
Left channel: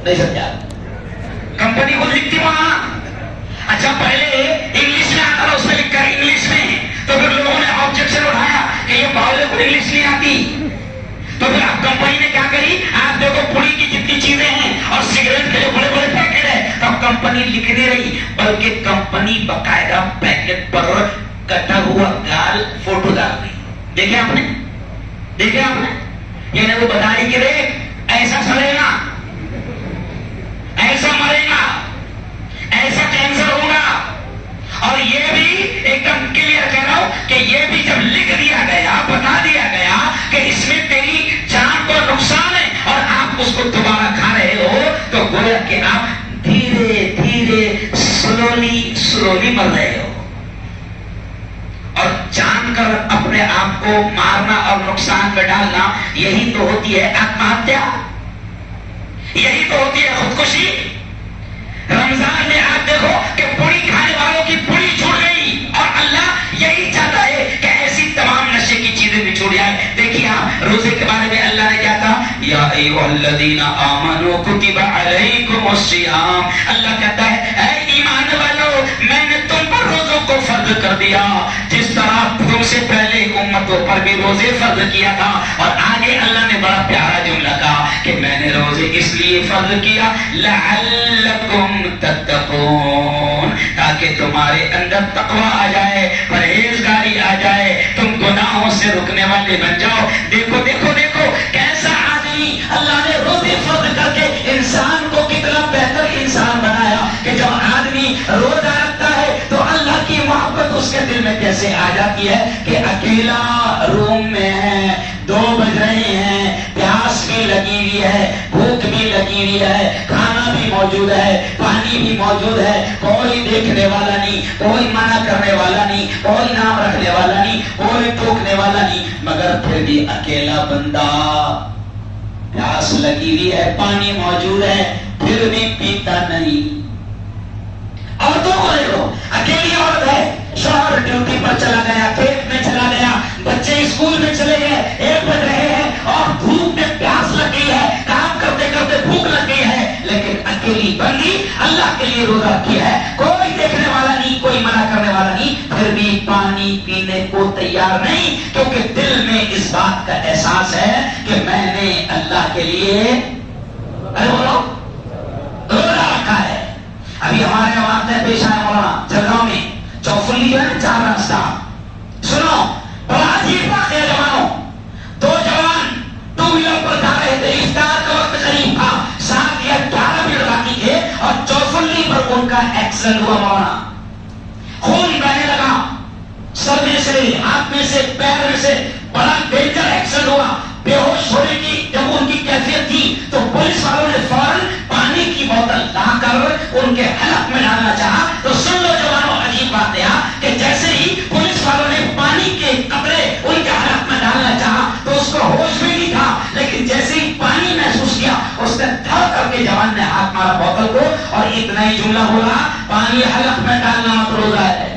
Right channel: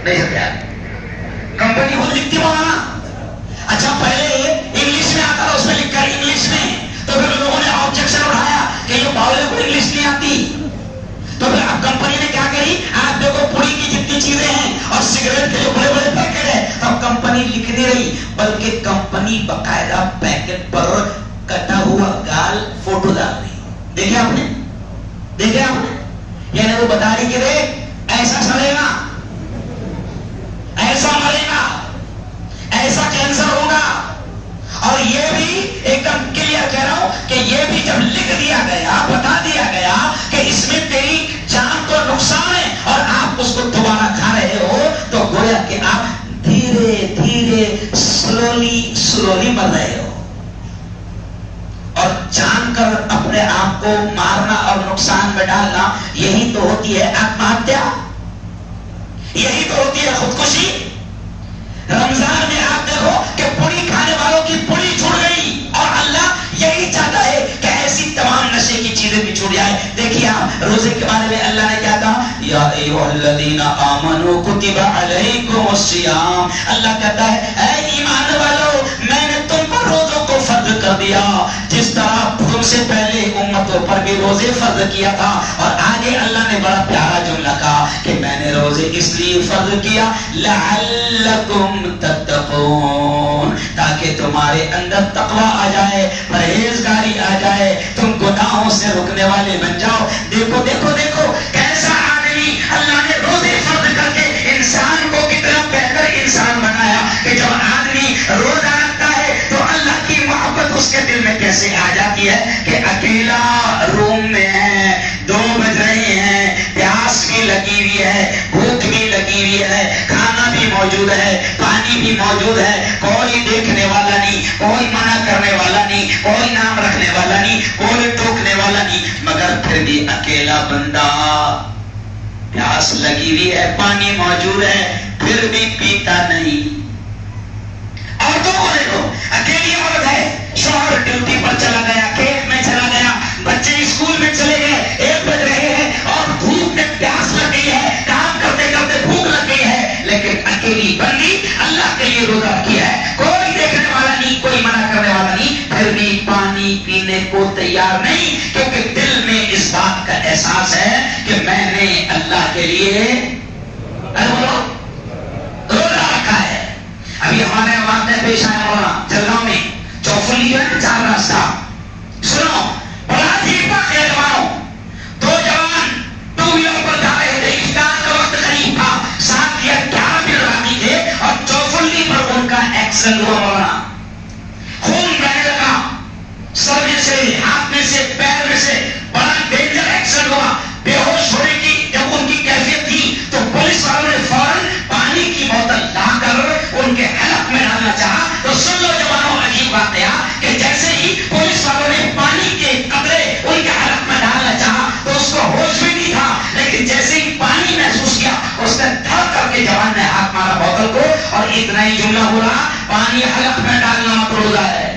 نہیں سمجھا، کمپنی کو لکھتی وہاں۔ اچھا پہلے انگلش میں آتا تھا، اس میں لکھ کر انگلش میں، تو پھر لوگوں نے آبجیکشن اٹھایا کہ یہ باولے کو انگلش نہیں آتی، تو پھر اب کمپنی نے کیا کری، آپ دیکھو پوڑی کی جتنی چیزیں ہیں اور سگریٹ کے جو بڑے بڑے پیکٹ ہیں، اب کمپنی لکھ نہیں رہی بلکہ کمپنی باقاعدہ پیکٹ پر کٹا ہوا گال فوٹو ڈال رہی۔ دیکھیں آپ نے، دیکھیں آپ نے، یعنی وہ بتا رہی کہ دیکھ ایسا سڑے گا، ایسا مرے گا، ایسا کینسر ہوگا، اور یہ بھی ایک دم کلیئر کہہ رہا ہوں کہ یہ بھی جب لکھ دیا گیا، بتا دیا گیا کہ اس میں تیری جان کو نقصان ہے اور آپ اس کو دوبارہ کھا رہے ہو، تو گویا کہ آپ دھیرے دھیرے سلولی مر رہے ہو، اور جان کر اپنے آپ کو مارنا اور نقصان میں ڈالنا، یہی تو ہوتی ہے آتما ہتیا، یہی تو ہوتی ہے خودکشی۔ رمضان میں آپ دیکھو کہ پوڑی کھانے والوں کی پوڑی چھوڑ گئی، اور اللہ یہی چاہتا ہے کہ ایسی تمام نشے کی چیزیں بھی چھوڑ جائے۔ دیکھیے آپ روزے کے بارے میں اللہ نے کیا کہا، یا ایھا الذین آمنوا کتب علیکم الصیام، اللہ کہتا ہے اے ایمان والو میں نے تم پر روزوں کو فرض کر دیا جس طرح تم سے پہلے امتوں پر بھی روزے فرض کیا تھا، اور آگے اللہ نے بڑا پیارا جملہ کہا کہ میں نے روزے اس لیے فرض کیا لعلکم تتقون، تاکہ تمہارے اندر تقوی آ جائے، پرہیزگاری آ جائے، تم گناہوں سے رکنے والے بن جاؤ۔ دیکھو دیکھو دیکھو کیسا آدمی اللہ نے روزے فرض کر کے انسان کو کتنا بہتر انسان بنایا کہ جب آدمی روزہ رکھتا ہے تو اللہ کی محبت اس کے دل میں کیسے آ جاتی ہے کہ اکیلا روم میں ہے، 2 بج رہے ہیں، پیاس بھی لگی ہوئی ہے، بھوک بھی لگی ہوئی ہے، کھانا بھی موجود ہے، پانی بھی موجود ہے، کوئی دیکھنے والا نہیں، کوئی منع کرنے والا نہیں، کوئی نام رکھنے والا نہیں، کوئی ٹوکنے والا نہیں، مگر پھر بھی اکیلا بندہ، پیاس لگی ہوئی ہے، پانی موجود ہے، پھر بھی پیتا نہیں۔ عورتوں کو دیکھو، اکیلی عورت ہے، شوہر ڈیوٹی پر چلا گیا، کھیت میں چلا گیا، بچے اسکول میں چلے گئے، 1 بج رہے ہیں اور بھوک میں پیاس لگ گئی ہے، کام کرتے کرتے بھوک لگ گئی ہے، لیکن اکیلی بندی اللہ کے لیے روزہ رکھی ہے، کوئی دیکھنے والا نہیں، کوئی منع کرنے والا نہیں، پھر بھی پانی پینے کو تیار نہیں، کیونکہ دل میں اس بات کا احساس ہے کہ میں نے اللہ کے لیے روزہ رکھا ہے۔ ابھی ہمارے واقعہ پیش آیا مولانا جلگاؤں میں، چوفلی جو ہے نا 4 راستہ، سنو بڑا عجیب واقعہ جوانوں، 2 جوان 2 ویلر پر جا رہے تھے، افطار کا وقت قریب تھا، 7 یا 11 منٹ باقی تھے، اور ایکسیڈنٹ ہوا مولانا, خون بہنے لگا سر میں سے, ہاتھ میں سے, پیر میں سے, بڑا ڈینجر ایکسیڈنٹ ہوا. بے ہوش ہونے کی جب ان کی کیفیت تھی تو پولیس والوں نے فوراً پانی کی بوتل لا کر ان کے حلق میں ڈالنا چاہا. تو سن لو جوانوں, عجیب بات ہے کہ جیسے ہی پولیس والوں نے پانی کے قطرے ان کے حلق میں ڈالنا چاہا تو اس کو ہوش بھی نہیں تھا, لیکن جیسے ہی پانی محسوس کیا اس نے دھڑ کر کے جوان نے ہاتھ مارا بوتل کو اور اتنا ہی جملہ بولا, پانی حلق میں ڈالنا روزہ ہے.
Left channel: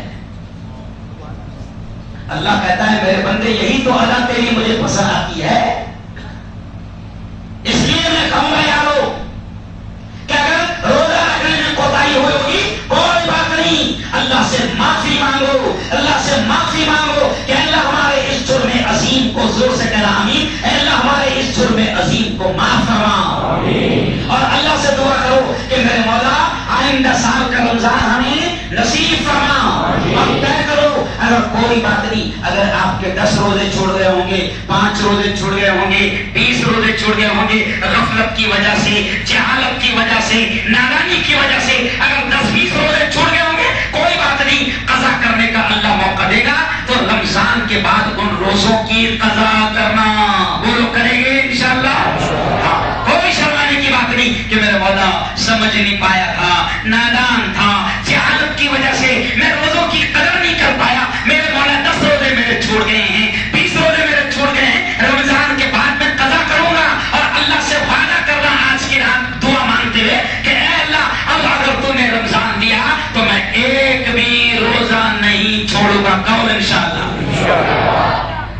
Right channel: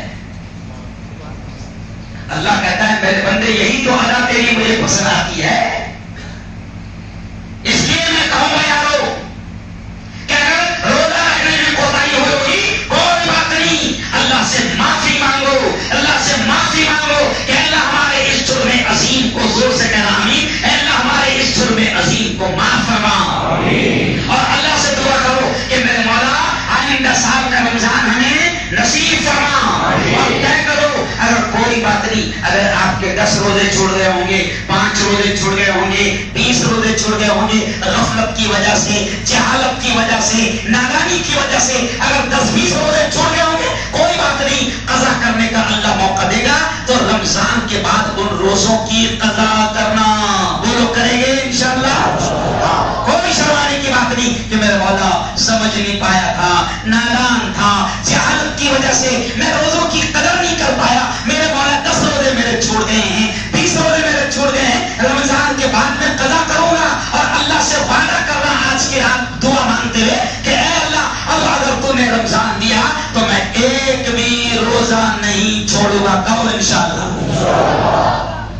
اللہ کہتا ہے میرے بندے یہی تو ادا تیری مجھے پسند آتی ہے. اس لیے میں کہوں گا یارو کہ اگر روزہ رکھنے میں کوتاہی ہوگی کوئی بات نہیں, اللہ سے معافی مانگو, اللہ سے معافی مانگو کہ اللہ ہمارے اس جرم عظیم کو, زور سے کہنا آمین, اے اللہ ہمارے اس جرم عظیم کو معاف فرما. اور اللہ سے دعا کرو کہ میرے مولا آئندہ سال کا رمضان ہمیں نصیب فرما. اور طے کرو اگر کوئی بات نہیں, اگر آپ کے 10 روزے چھوڑ گئے ہوں گے, 5 روزے چھوڑ گئے ہوں گے, 20 روزے چھوڑ گئے ہوں گے, غفلت کی وجہ سے, جہالت کی وجہ سے, نادانی کی وجہ سے اگر 10-20 روزے چھوڑ گئے ہوں گے, کوئی بات نہیں, قضا کرنے کا اللہ موقع دے گا. تو رمضان کے بعد ان روزوں کی قضا کرنا وہ لوگ کریں گے انشاءاللہ. کوئی شرمانے کی بات نہیں کہ میرے مولا سمجھ نہیں پایا تھا, نادان تھا, جہالت کی وجہ سے میں روزوں کی قدر نہیں کر پایا, میرے مولا 10 روزے میرے چھوڑ گئے ہیں, 20 روزے میرے چھوڑ گئے ہیں, رمضان کے بعد میں قضا کروں گا. اور اللہ سے وعدہ کر رہا آج کی رات دعا مانگتے ہوئے کہ اے اللہ اب اگر تو نے رمضان دیا تو میں ایک بھی روزہ نہیں چھوڑوں گا. کہو انشاءاللہ.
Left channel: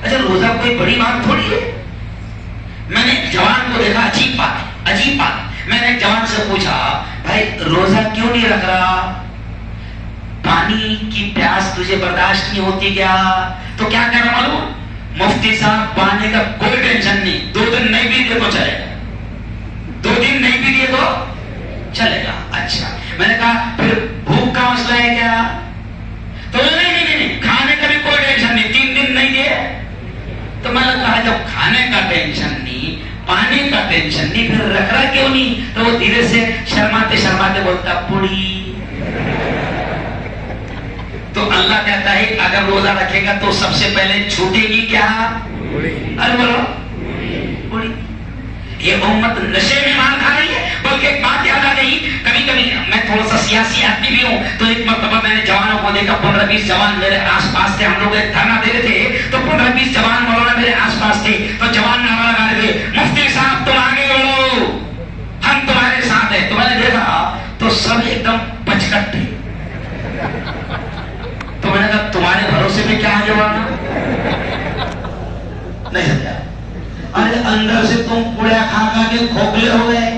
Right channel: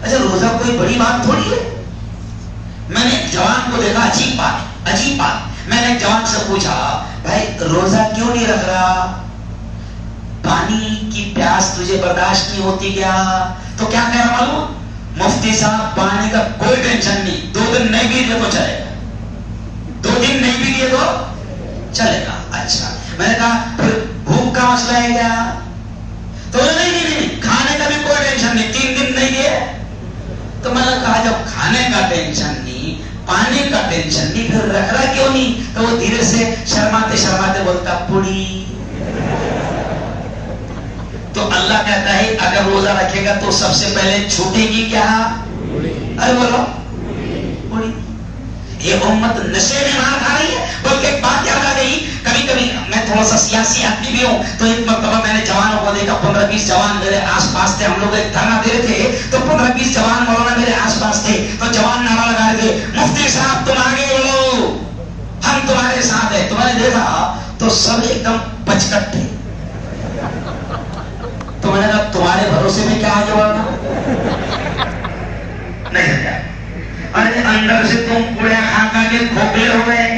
اچھا روزہ کوئی بڑی بات تھوڑی ہے. میں نے ایک جوان کو دیکھا, عجیب بات, میں نے ایک جوان سے پوچھا بھائی روزہ کیوں نہیں رکھ رہا, پانی کی پیاس تجھے برداشت نہیں ہوتی کیا؟ تو کیا کہہ رہا معلوم, مفتی صاحب پانی کا کوئی ٹینشن نہیں, 2 دن نہیں بھی دیے تو چلے گا, 2 دن نہیں بھی دیے تو چلے گا. اچھا, میں نے کہا پھر بھوک کا مسئلہ ہے کیا؟ تو نہیں, کھانے کا بھی کوئی ٹینشن نہیں, 3 دن نہیں دیے. تو میں نے کہا جب کھانے کا ٹینشن نہیں, پانی کا ٹینشن نہیں, پھر رکھ رہا کیوں نہیں؟ تو وہ دھیرے سے شرماتے بولتا پوڑی. تو اللہ کہتا ہے اگر روزہ رکھے گا تو سب سے پہلے چھوٹے گی کیا؟ ارے بولو پوڑی. یہ امت نشے میں مان کھا گئی ہے. بلکہ ایک بات یاد آ گئی, کبھی میں تھوڑا سا سیاسی آدمی بھی ہوں, تو ایک مرتبہ میں نے جوانوں کو دیکھا, 15-20 جوان میرے آس پاس تھے, ہم لوگ ایک دھرنا دے رہے تھے, تو 15-20 جوان مولانا میرے آس پاس تھے. تو جوان نعرہ لگا رہے تھے, مفتی صاحب تم آگے بڑھو, ہم تمہارے ساتھ ہیں. تو میں نے دیکھا تو سب ایک دم پچکٹ تھے. تو میں نے کہا تمہارے بھروسے میں کیا آگے بڑھنا نہیں ہے, ارے اندر سے تم کوڑا کھا کے کھوکھلے ہو گئے,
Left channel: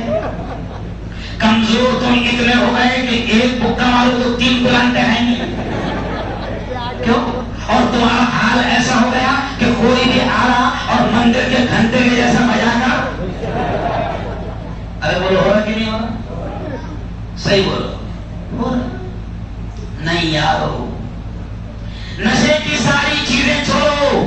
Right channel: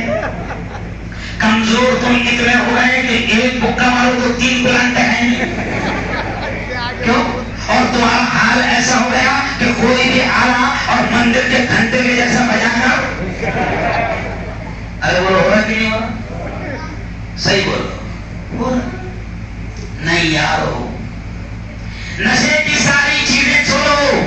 کمزور تم اتنے ہو گئے کہ ایک بکا مارو تو 3 پلانٹ ہیں. کیوں؟ اور تمہارا حال ایسا ہو گیا کہ کوئی بھی آلہ اور مندر کے گھنٹے میں جیسا بجا کر, ارے وہ ہو رہا کہ نہیں ہو رہا؟ صحیح بولو, نہیں یارو, نشے کی ساری چیزیں چھوڑو,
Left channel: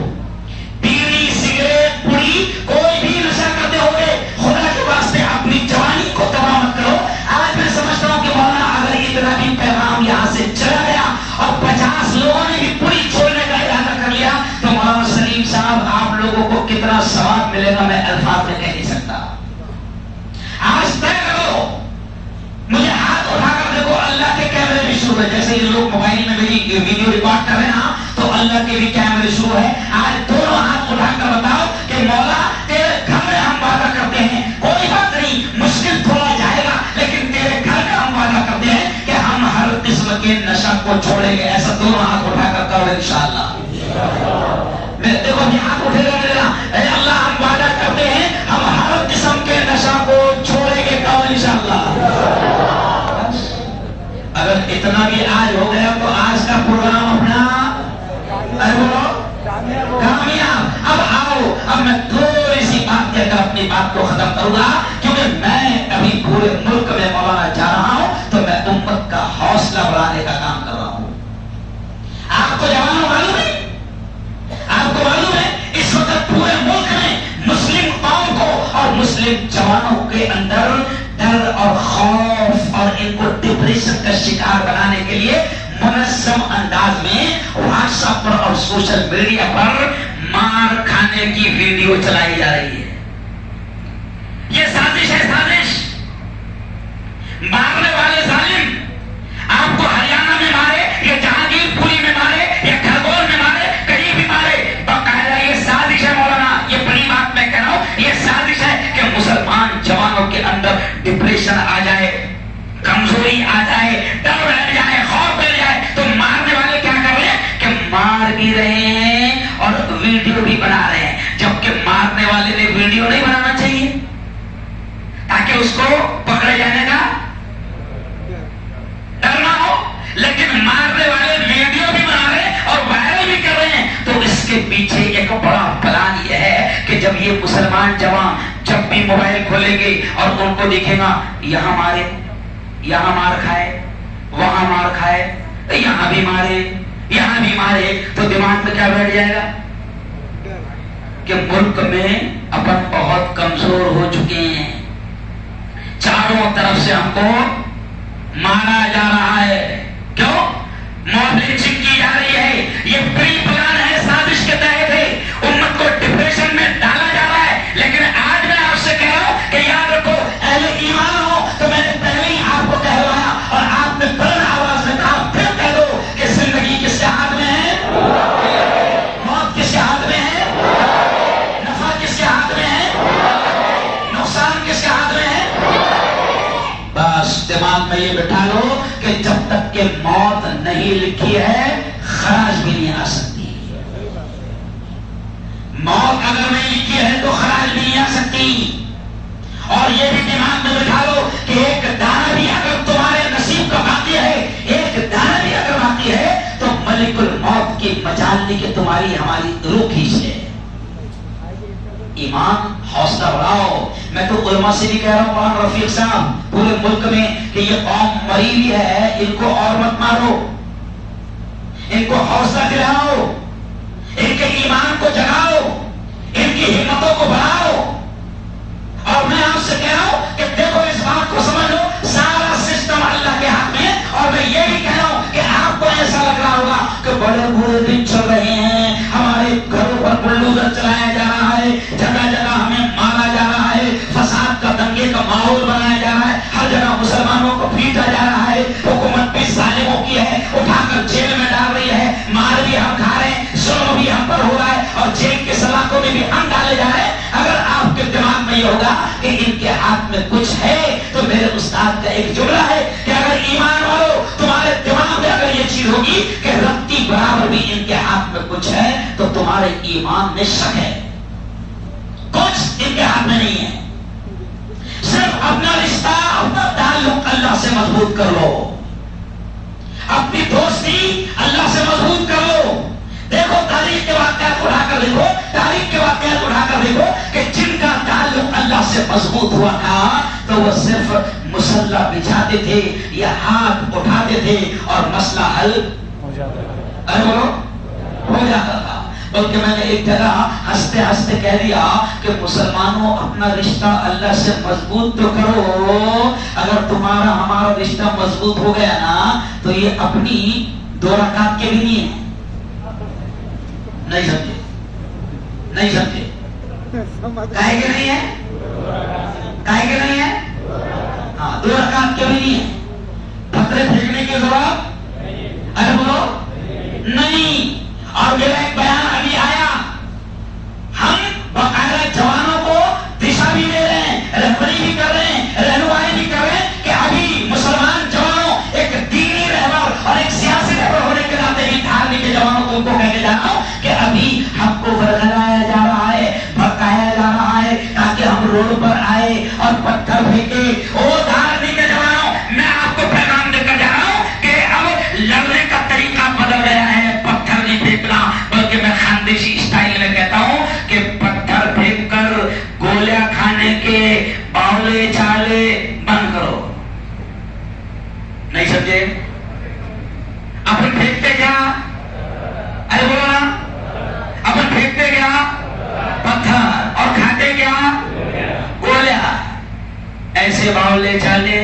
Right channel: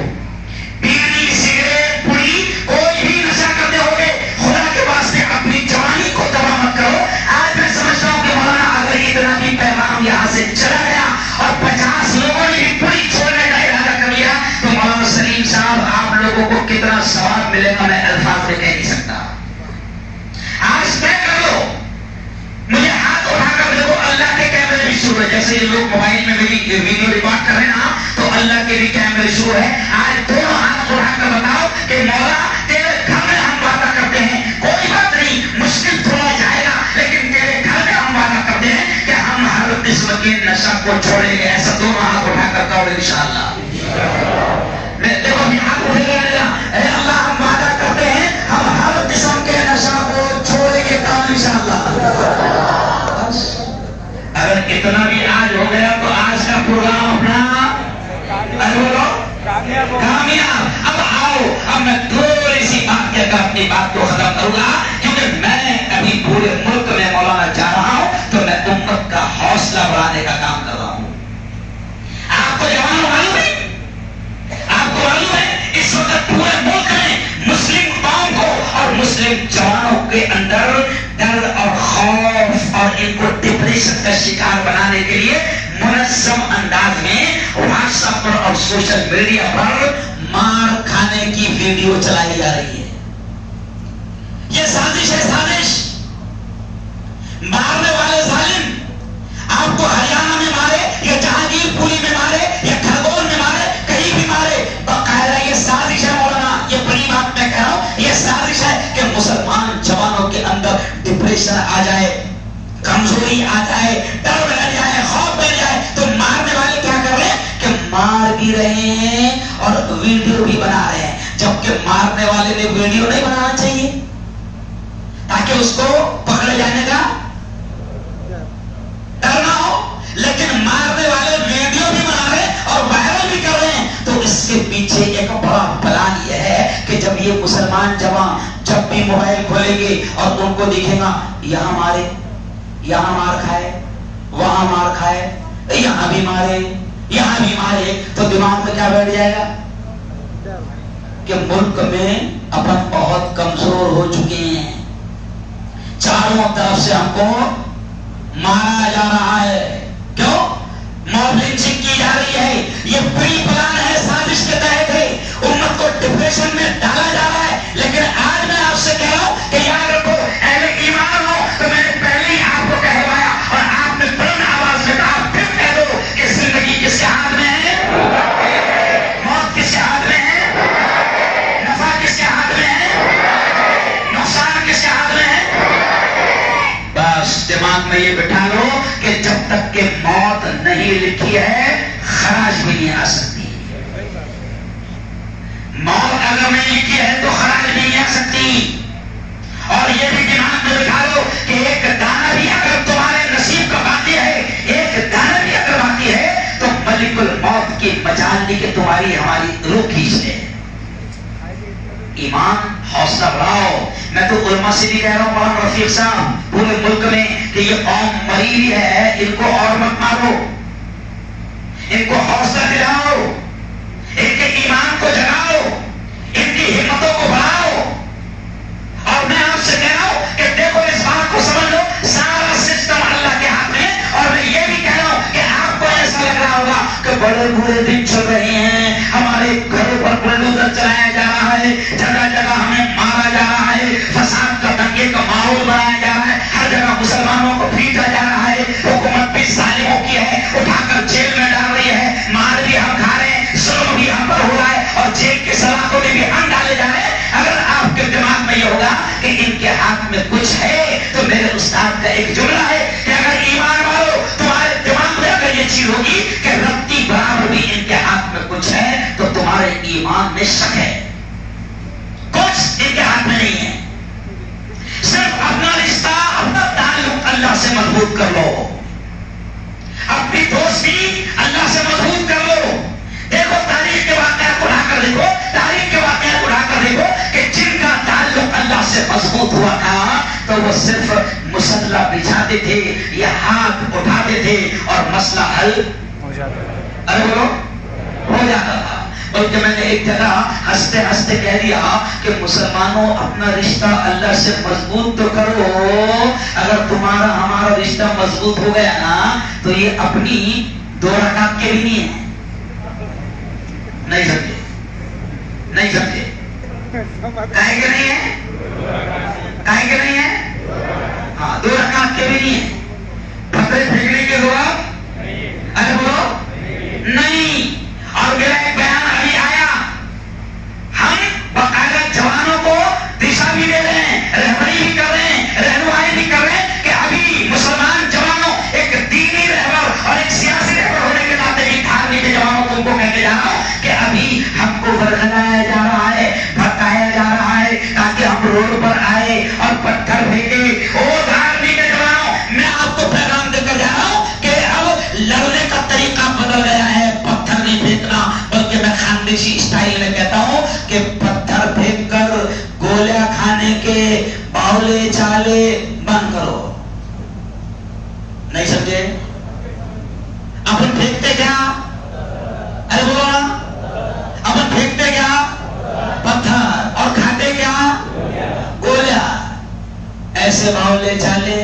بیڑی, سگریٹ, پوری, کوئی بھی نشہ کرتے ہو گے, خدا کے واسطے اپنی جوانی کو تباہ مت کرو. آج میں سمجھتا ہوں کہ مولانا اگر اتنا بھی پیغام یہاں سے چلا گیا اور 50 لوگوں نے بھی پوری چھوڑنے کا ارادہ کر لیا تو مولانا سلیم صاحب آپ لوگوں کو کتنا ثواب ملے گا میں الفاظ میں کہہ نہیں سکتا. آج طے کرو, مجھے ہاتھ اٹھا کر دیکھو, اللہ کے کیمرے بھی شروع ہے. جیسے یہ لوگ موبائل میں میری ویڈیو ریکارڈ کر رہے ہیں نا, تو اللہ کے بھی کیمرے شروع ہے. آج دونوں ہاتھ اٹھا کر بتاؤ کہ مولا تیرے گھر میں ہم وعدہ کرتے ہیں, کوئی بات نہیں مشکل تھوڑا جائے گا, لیکن تیرے گھر میں ہم وعدہ کرتے ہیں کہ ہم ہر قسم کے نشہ کو چھوڑیں گے. ایسا دونوں ہاتھ اٹھا کر کہو انشاءاللہ. دیکھو بھی ہاتھ اٹھے گا, اے اللہ ہم وعدہ کرتے ہیں ہم ہر قسم کے نشہ کو چھوڑیں گے. کہو انشاءاللہ. اگر اتنا بھی آج ہو گیا تو آج کا پروگرام اپنا کامیاب. اب آؤ, اب میں تھوڑی سی بات کر کے اپنی بات کو ختم کروں گا, کیونکہ میں ابھی پورے ملک میں مولانا جا رہا ہوں تو میں امت کا حوصلہ بڑھانے کا کام کر رہا ہوں. آپ کو جوانوں معلوم ہے, آپ کو معلوم ہے اس وقت پورے ملک میں مسلم قوم کو اور مسلم جوانوں کے اندر ڈر اور خوف اور ان کو ڈپریشن کا شکار بنانے کے لیے منظم انداز میں واٹس ایپ پر اور سوشل میڈیا پر مار کھانے کی ویڈیو چلائی جا رہی ہے. یہ سازش ہے، سازش. مارنے والے ظالم آپ کو ہریانہ میں مارے یا جہانگیر پوری میں مارے یا کھرگون میں مارے، کہیں بھی مارے، باقاعدہ یہ سازش ہے مولانا. یہ بڑی بات میں کہہ رہا ہوں، یہ سازش ہے کہ مسلمان جوانوں کے اندر ڈپریشن آ جائے، کمزوری آ جائے، ڈر بڑھ جائے، خوف بڑھ جائے. تو مارنے والے کیا کر رہے ہیں کہ مار بھی رہے ہیں اور ویڈیو بھی بنا رہے ہیں. جبکہ مارنے والے نے ویڈیو نہیں بنانا چاہیے تاکہ اس کو پکڑے جانے کا ڈر نہ ہو، لیکن مارنے والے ویڈیو بھی بنا رہے ہیں اور وائرل بھی کر رہے ہیں. تو اس کے پیچھے ایک بڑا پلان یہ ہے کہ جب یہ مسلمان جوان جب بھی موبائل کھولیں گے اور ان کو دکھے گا یہاں مارے، یہاں مار کھائے، وہاں مار کھائے، یہاں بھی مارے، یہاں بھی مارے، تو دماغ میں کیا بیٹھ جائے گا کہ ملک میں اپن بہت کمزور ہو چکے ہیں، چاروں طرف سے ہم کو مارا جا رہا ہے. کیوں؟ موب لنچنگ کی جا رہی ہے. یہ پری پلان ہے، سازش کے تحت ہے. امت کو ڈپریشن میں ڈالا جا رہا ہے. لیکن آج میں آپ سے کہہ رہا ہوں کہ یاد رکھو، اہل ایمان ہو تو میں نے پہلے ہی آپ کو کہوایا اور آپ نے بلند آواز میں کہا، پھر کہہ دو کہ زندگی کس کے ہاتھ میں ہے، موت کس کے ہاتھ میں ہے، نفع کس کے ہاتھ میں ہے، نقصان کس کے ہاتھ میں ہے. بس دماغ میں یہ بٹھا لو کہ جب تک کہ موت نہیں لکھی ہے خراج بھی نہیں آ سکتی. موت اگر نہیں لکھی ہے تو خراج بھی نہیں آ سکتی. اور یہ بھی دماغ میں بٹھا لو کہ ایک دانہ بھی اگر تمہارے نصیب کا باقی ہے، ایک دانہ بھی اگر باقی ہے تو ملک الموت کی مجال لی کہ تمہاری ہماری روح کھینچ لے. ایمان، حوصلہ بڑھاؤ. میں تو علماء سے بھی کہہ رہا ہوں، مولانا رفیق صاحب، پورے ملک میں کہ یہ قوم مری ہوئی ہے، ان کو اور مت مارو، ان کو حوصلہ دلاؤ، ان کے ایمان کو جگاؤ، ان کی ہمتوں کو بڑھاؤ. اور میں آپ سے کہہ رہا ہوں کہ دیکھو اس بات کو سمجھ لو، سارا سسٹم اللہ کے ہاتھ میں. اور میں یہ بھی کہہ رہا ہوں کہ آپ کو ایسا لگ رہا ہوگا کہ بڑے برے دن چل رہے ہیں، ہمارے گھروں پر بلڈوزر چلایا جا رہا ہے، جگہ جگہ ہمیں مارا جا رہا ہے، فساد کا دنگے کا ماحول بنایا جا رہا ہے، ہر جگہ مسلمانوں کو پیٹا جا رہا ہے، حکومت بھی ظالموں کی ہے، اٹھا کر جیل میں ڈال رہی ہے، مار بھی ہم کھا رہے ہیں، ظلم بھی ہم پر ہو رہا ہے اور جیل کے سلاخوں میں بھی ہم ڈالے جا رہے ہیں. اگر آپ کے دماغ میں یہ ہوگا کہ ان کے ہاتھ میں کچھ ہے تو میرے استاد کا ایک جملہ ہے کہ اگر ایمان والو تمہارے دماغ میں اگر یہ چیز ہوگی کہ رتی برابر بھی ان کے ہاتھ میں کچھ ہے تو تمہارے ایمان میں شک ہے. کچھ ان کے ہاتھ میں نہیں ہے. صرف اپنا رشتہ، اپنا تعلق اللہ سے مضبوط کر لو، اپنی دوستی اللہ سے مضبوط کر لو. دیکھو تاریخ کے واقعات اٹھا کر دیکھو، تاریخ کے واقعات اٹھا کر دیکھو کہ جن کا تعلق اللہ سے مضبوط ہوا تھا تو وہ صرف مسلح بچھاتے تھے یا ہاتھ اٹھاتے تھے اور مسئلہ حل ہو جاتا تھا. ارے بولو، ہو جاتا تھا. بلکہ میں نے ایک جگہ ہنستے ہنستے کہہ دیا کہ مسلمانوں اپنا رشتہ اللہ سے مضبوط تو کرو. اگر تمہارا ہمارا رشتہ مضبوط ہو گیا نا تو یہ اپنی 2 رکعت کے بھی نہیں ہے. نہیں سمجھے؟ نہیں سمجھے؟ کہے کہ نہیں ہے؟ کہے کہ نہیں ہے؟ ہاں، 2 رکعت کے بھی نہیں ہے. پتھرے پھینکنے کی ضرورت؟ ارے بولو نہیں. اور میرا ایک بیان ابھی آیا، ہم باقاعدہ جوانوں کو دشا بھی دے رہے ہیں، رہبری بھی کر رہے ہیں، رہنمائی بھی کر رہے ہیں کہ ابھی مسلمان جوانوں ایک دینی رہبر اور ایک سیاسی رہبر ہونے کے ناطے بھی دھارمک جوانوں کو ان کو کہتے جا رہا ہوں کہ ابھی ہم کو برگلایا جا رہا ہے، بھٹکایا جا رہا ہے تاکہ ہم روڈ پر آئے اور پتھر پھینکے. او دھارمک جوانوں، میں آپ کو پیغام دے کر جا رہا ہوں کہ اب لڑنے کا طریقہ بدل گیا ہے. پتھر نہیں پھینکنا، بلکہ میں خاندیشی اسٹائل میں کہتا ہوں کہ پتھر پھینک کر گولیاں کھانے کے باولے چالے بند کرو. نہیں سمجھے؟ اپن پھینکتے کیا؟ ارے بولو نا، اپن پھینکتے کیا؟ پتھر. اور کھاتے کیا؟ گولیاں. ایسے باولے چالے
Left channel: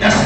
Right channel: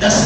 10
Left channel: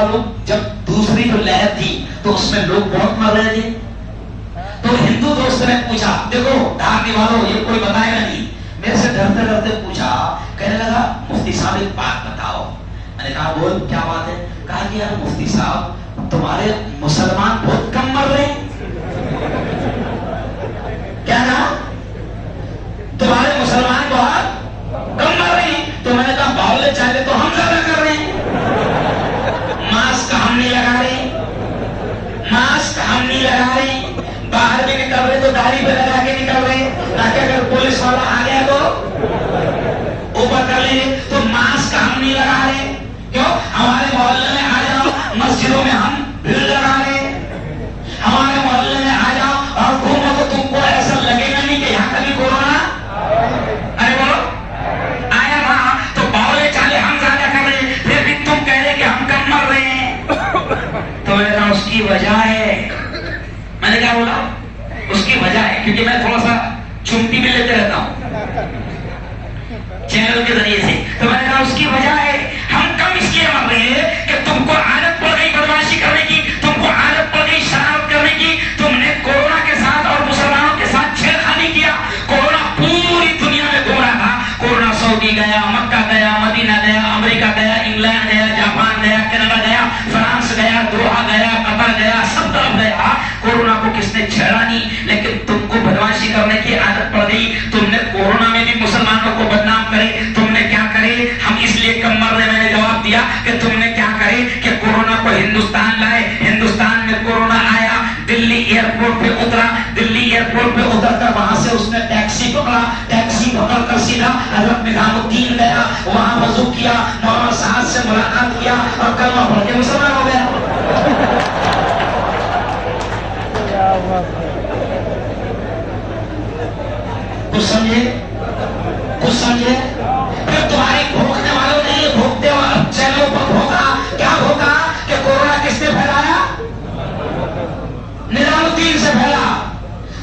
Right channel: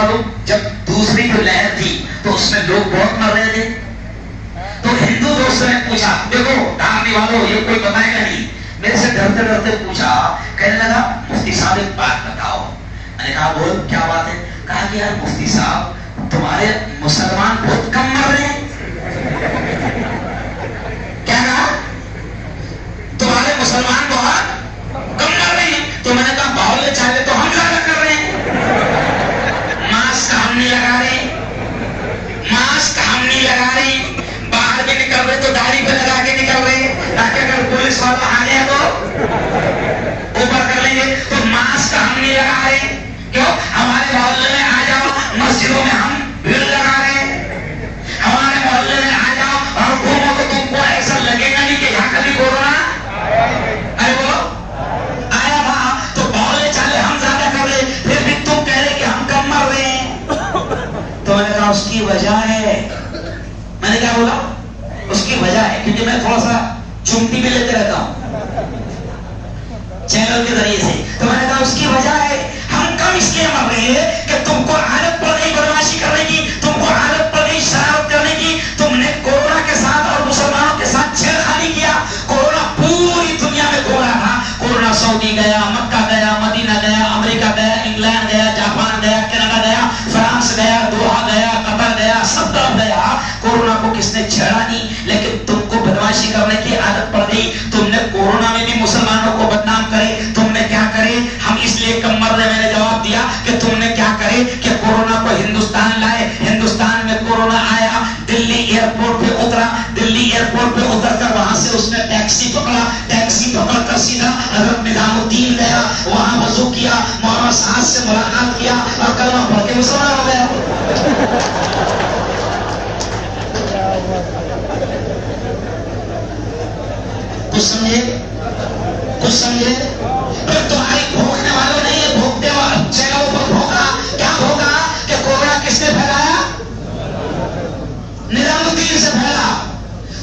معلوم جب دوسری جو لہر تھی تو اس میں لوگ بہت مر رہے تھے، تو ہندو دوستوں نے پوچھا، دیکھو دھارنے والوں یہ کوئی بتائے گا نہیں، میرے سے ڈرتے ڈرتے پوچھا، کہنے لگا مفتی صاحب ایک بات بتاؤ. میں نے کہا بول کیا بات ہے؟ کہا کہ یار مفتی صاحب تمہارے مسلمان بہت کم مر رہے ہیں. کیا کہا؟ تمہارے مسلمان بہت کم مر رہے ہیں. تو میں نے کہا باولے چاہے تو ہم زیادہ کر رہے ہیں. ماسک ہم نہیں لگا رہے، ماسک ہم نہیں لگا رہے، باہر بھی نکل رہے تو داڑھی پہ لگا کے نکل رہے ہیں تاکہ اگر پولیس والا آ گیا تو اوپر کر لیں گے. تو ماسک ہم نہیں لگا رہے. کیوں؟ ہمارے محلے میں آ جاؤ، مسجدوں میں ہم بھیڑ لگا رہے ہیں. ہمارے محلے میں آ جاؤ اور گھومو تو تم کو ایسا لگے گا نہیں کہ یہاں کبھی کورونا ارے بولو آیا وہاں. تو باولے چالے ہم زیادہ کر رہے، پھر بھی تم کہہ رہے کہ ہم کم مر رہے ہیں. تو میں نے کہا اس کی وجہ ہے. میں نے کیا بولا؟ اس کی وجہ ہے کیونکہ میں تھوڑا سا چمٹی بھی لیتے رہتا ہوں چینل کے ذریعے سے. تو میں نے کہا اس کی وجہ ہے ہم کم اس لیے مر رہے ہیں کہ تم کو عادت پڑ گئی بدماشی کرنے کی، تم کو عادت پڑ گئی شرارت کرنے کی. تم نے کورونا کے ساتھ اور مسلمانوں کے ساتھ چھیڑخانی کیا. کورونا پوری دنیا میں گھوم رہا تھا. کورونا سعودی گیا، مکہ گیا، مدینہ گیا، امریکہ گیا، انگلینڈ گیا، جاپان گیا، کینیڈا گیا، فرانس گیا، دوحہ گیا، قطر گیا، سب طرف گیا. کورونا کو کس نے چھیڑا نہیں، لیکن تم کو بدماشی کرنے کی عادت پڑ گئی. تم نے کورونا میں بھی مسلمانوں کو بدنام کرے. تم نے کیا کرے؟ ہم اس لیے کم مر رہے. میں نے جواب دیا کہ تم نے کیا کرے کہ کورونا کو ہندوستان لائے. ہندوستان میں کورونا آیا، دلی ایئرپورٹ پہ اترا، دلی ایئرپورٹ پہ اتر کر وہاں سے اس نے ٹیکسی پکڑا، ٹیکسی پکڑ کر سیدھا حضرت نظام الدین گیا، وہاں وضو کیا، مولانا صاحب سے ملاقات کیا اور کلمہ پڑھ کے مسلمان ہو گیا. کچھ سمجھے؟ کچھ سمجھے؟ پھر تمہاری بھوکنے والوں نے یہ بھوکتے اور چینلوں پر بھوکا. کیا بھوکا کہ کورونا کس نے پھیلایا؟ نظام الدین سے پھیلا.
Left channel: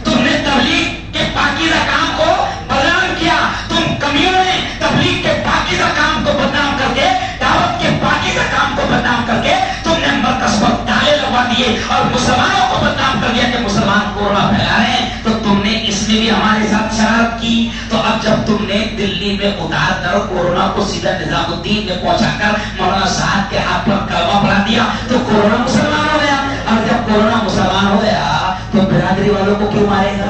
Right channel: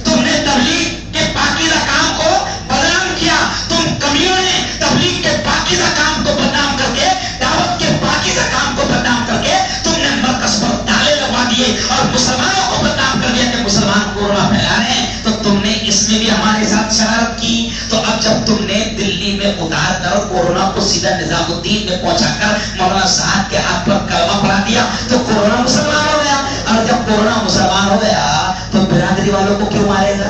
تم نے تبلیغ کے پاکیزہ کام کو بدنام کیا. تم کمیوں نے تبلیغ کے پاکیزہ کام کو بدنام کر کے، دعوت کے پاکیزہ کام کو بدنام کر کے تم نے مرکز پر تالے لگوا دیے اور مسلمانوں کو بدنام کر دیا کہ مسلمان کورونا پھیلا رہے ہیں. تو تم نے اس میں بھی ہمارے ساتھ شرارت کی. تو اب جب تم نے دلی میں اتار کر کورونا کو سیدھا نظام الدین میں پہنچا کر مولانا صاحب کے ہاتھ پر کلمہ پڑھا دیا تو کورونا مسلمان ہو گیا. اور جب کورونا مسلمان ہو گیا تو برادری والوں کو کیوں مارے گا؟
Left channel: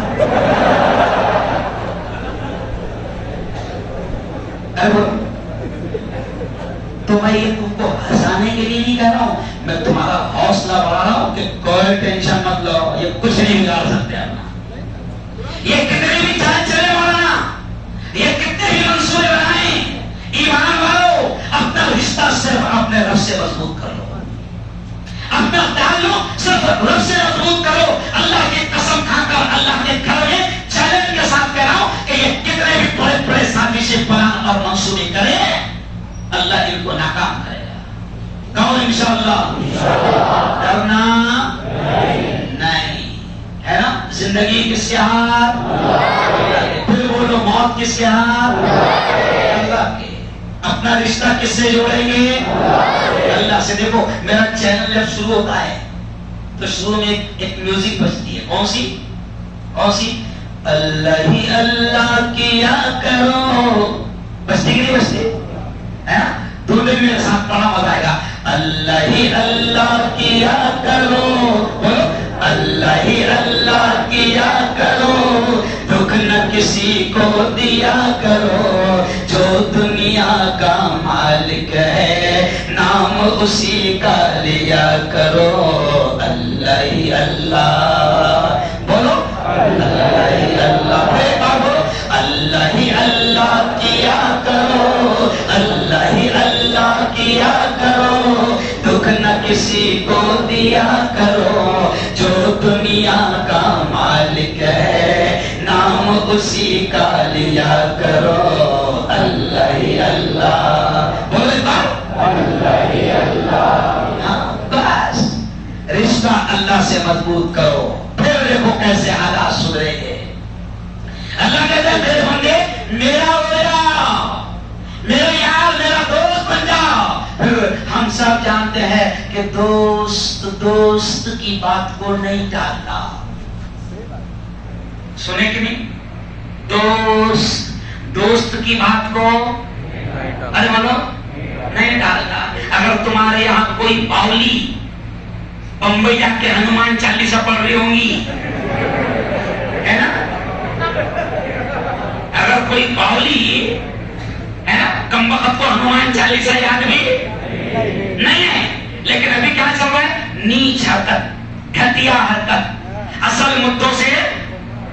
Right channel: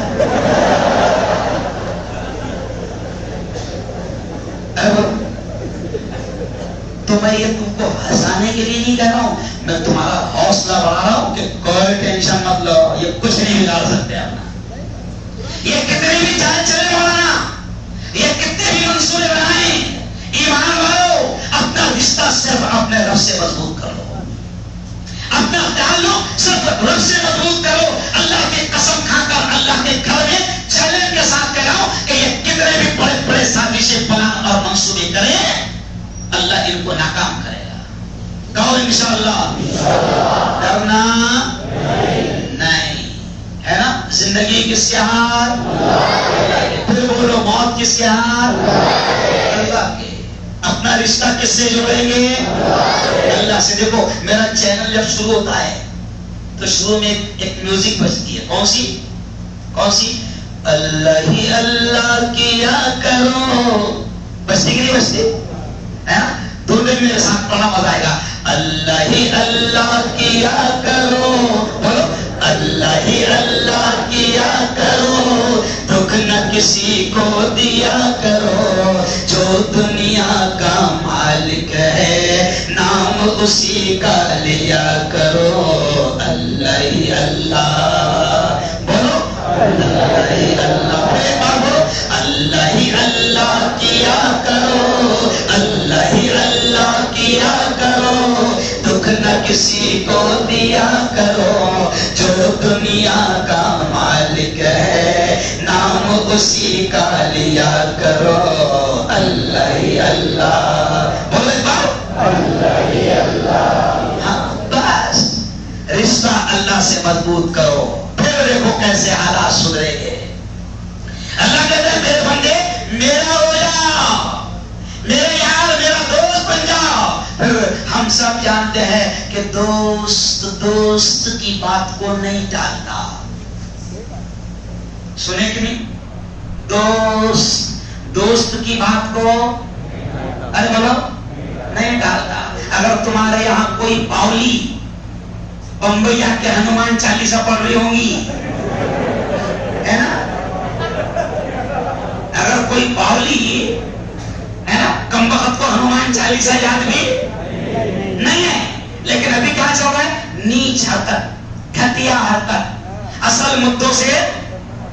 تو میں یہ تم کو ہنسانے کے لیے نہیں کہہ رہا ہوں، میں تمہارا حوصلہ بڑھا رہا ہوں کہ کوئی ٹینشن مت لو، یہ کچھ نہیں بگاڑ سکتے. یہ کتنے بھی چال چلے مولانا، یہ کتنے بھی منصورے بنائیں، ایمان والو اپنا رشتہ صرف اپنے رب سے مضبوط کر لو، اپنا تعلق صرف رب سے مضبوط کرو. اللہ کی قسم کھا کر اللہ کے گھر میں چیلنج کے ساتھ کہہ رہا ہوں کہ یہ کتنے بھی بڑے بڑے سازشیں پلان اور منصوبے کریں، اللہ ان کو ناکام کرے گا. کہو انشاءاللہ. ڈرنا نہیں ہے نا. زندگی کس کے ہاتھ؟ پھر بولو موت کس کے ہاتھ؟ اللہ کے. اپنا رشتہ کس سے جوڑیں گے؟ اللہ سے. دیکھو میرا چینل جب شروع ہوتا ہے تو شروع میں ایک میوزک بجتی ہے. کون سی؟ کون سی؟ اللہ ہی اللہ کیا کرو. بجتی کہ نہیں بجتی ہے نا؟ تو میرے ساتھ بڑا مزہ آئے گا. اللہ ہی اللہ کیا کرو، اللہ ہی اللہ کیا کرو، دکھ نہ کسی کو دیا کرو، جو دنیا کا مالک ہے نام اسی کا لیا کرو. اللہ ہی اللہ بولو، اللہ ہی اللہ. اللہ ہی اللہ کیا کرو، اللہ ہی اللہ کیا کرو، دکھ نہ کسی کو دیا کرو، جو دنیا کا مالک ہے نام اسی کا لیا کرو. اللہ ہی اللہ بولے بارو، اللہ ہی اللہ. بس رشتہ اللہ سے مضبوط کرو، پھر دیکھو کیسے حالات سدھرے گے. اللہ کہتا ہے میرے بندے میرا ہو جا، میرا یار میرا دوست بن جا. پھر ہم ہم سب جانتے ہیں کہ دوست کی بات کو نہیں ٹالتا. سنے کہ نہیں؟ دوست کی بات کو ارے بولو نہیں ڈالتا. اگر تمہارے یہاں کوئی باولی بمبئی جا کے ہنومان چالیسا پڑھ رہی ہوں گی ہے نا, اگر کوئی باولی ہے نا کم وقت کو ہنومان چالیسا یاد بھی نہیں ہے, لیکن ابھی کیا چل رہا ہے؟ نیچ حرکت, گھٹیا حرکت, اصل مدوں سے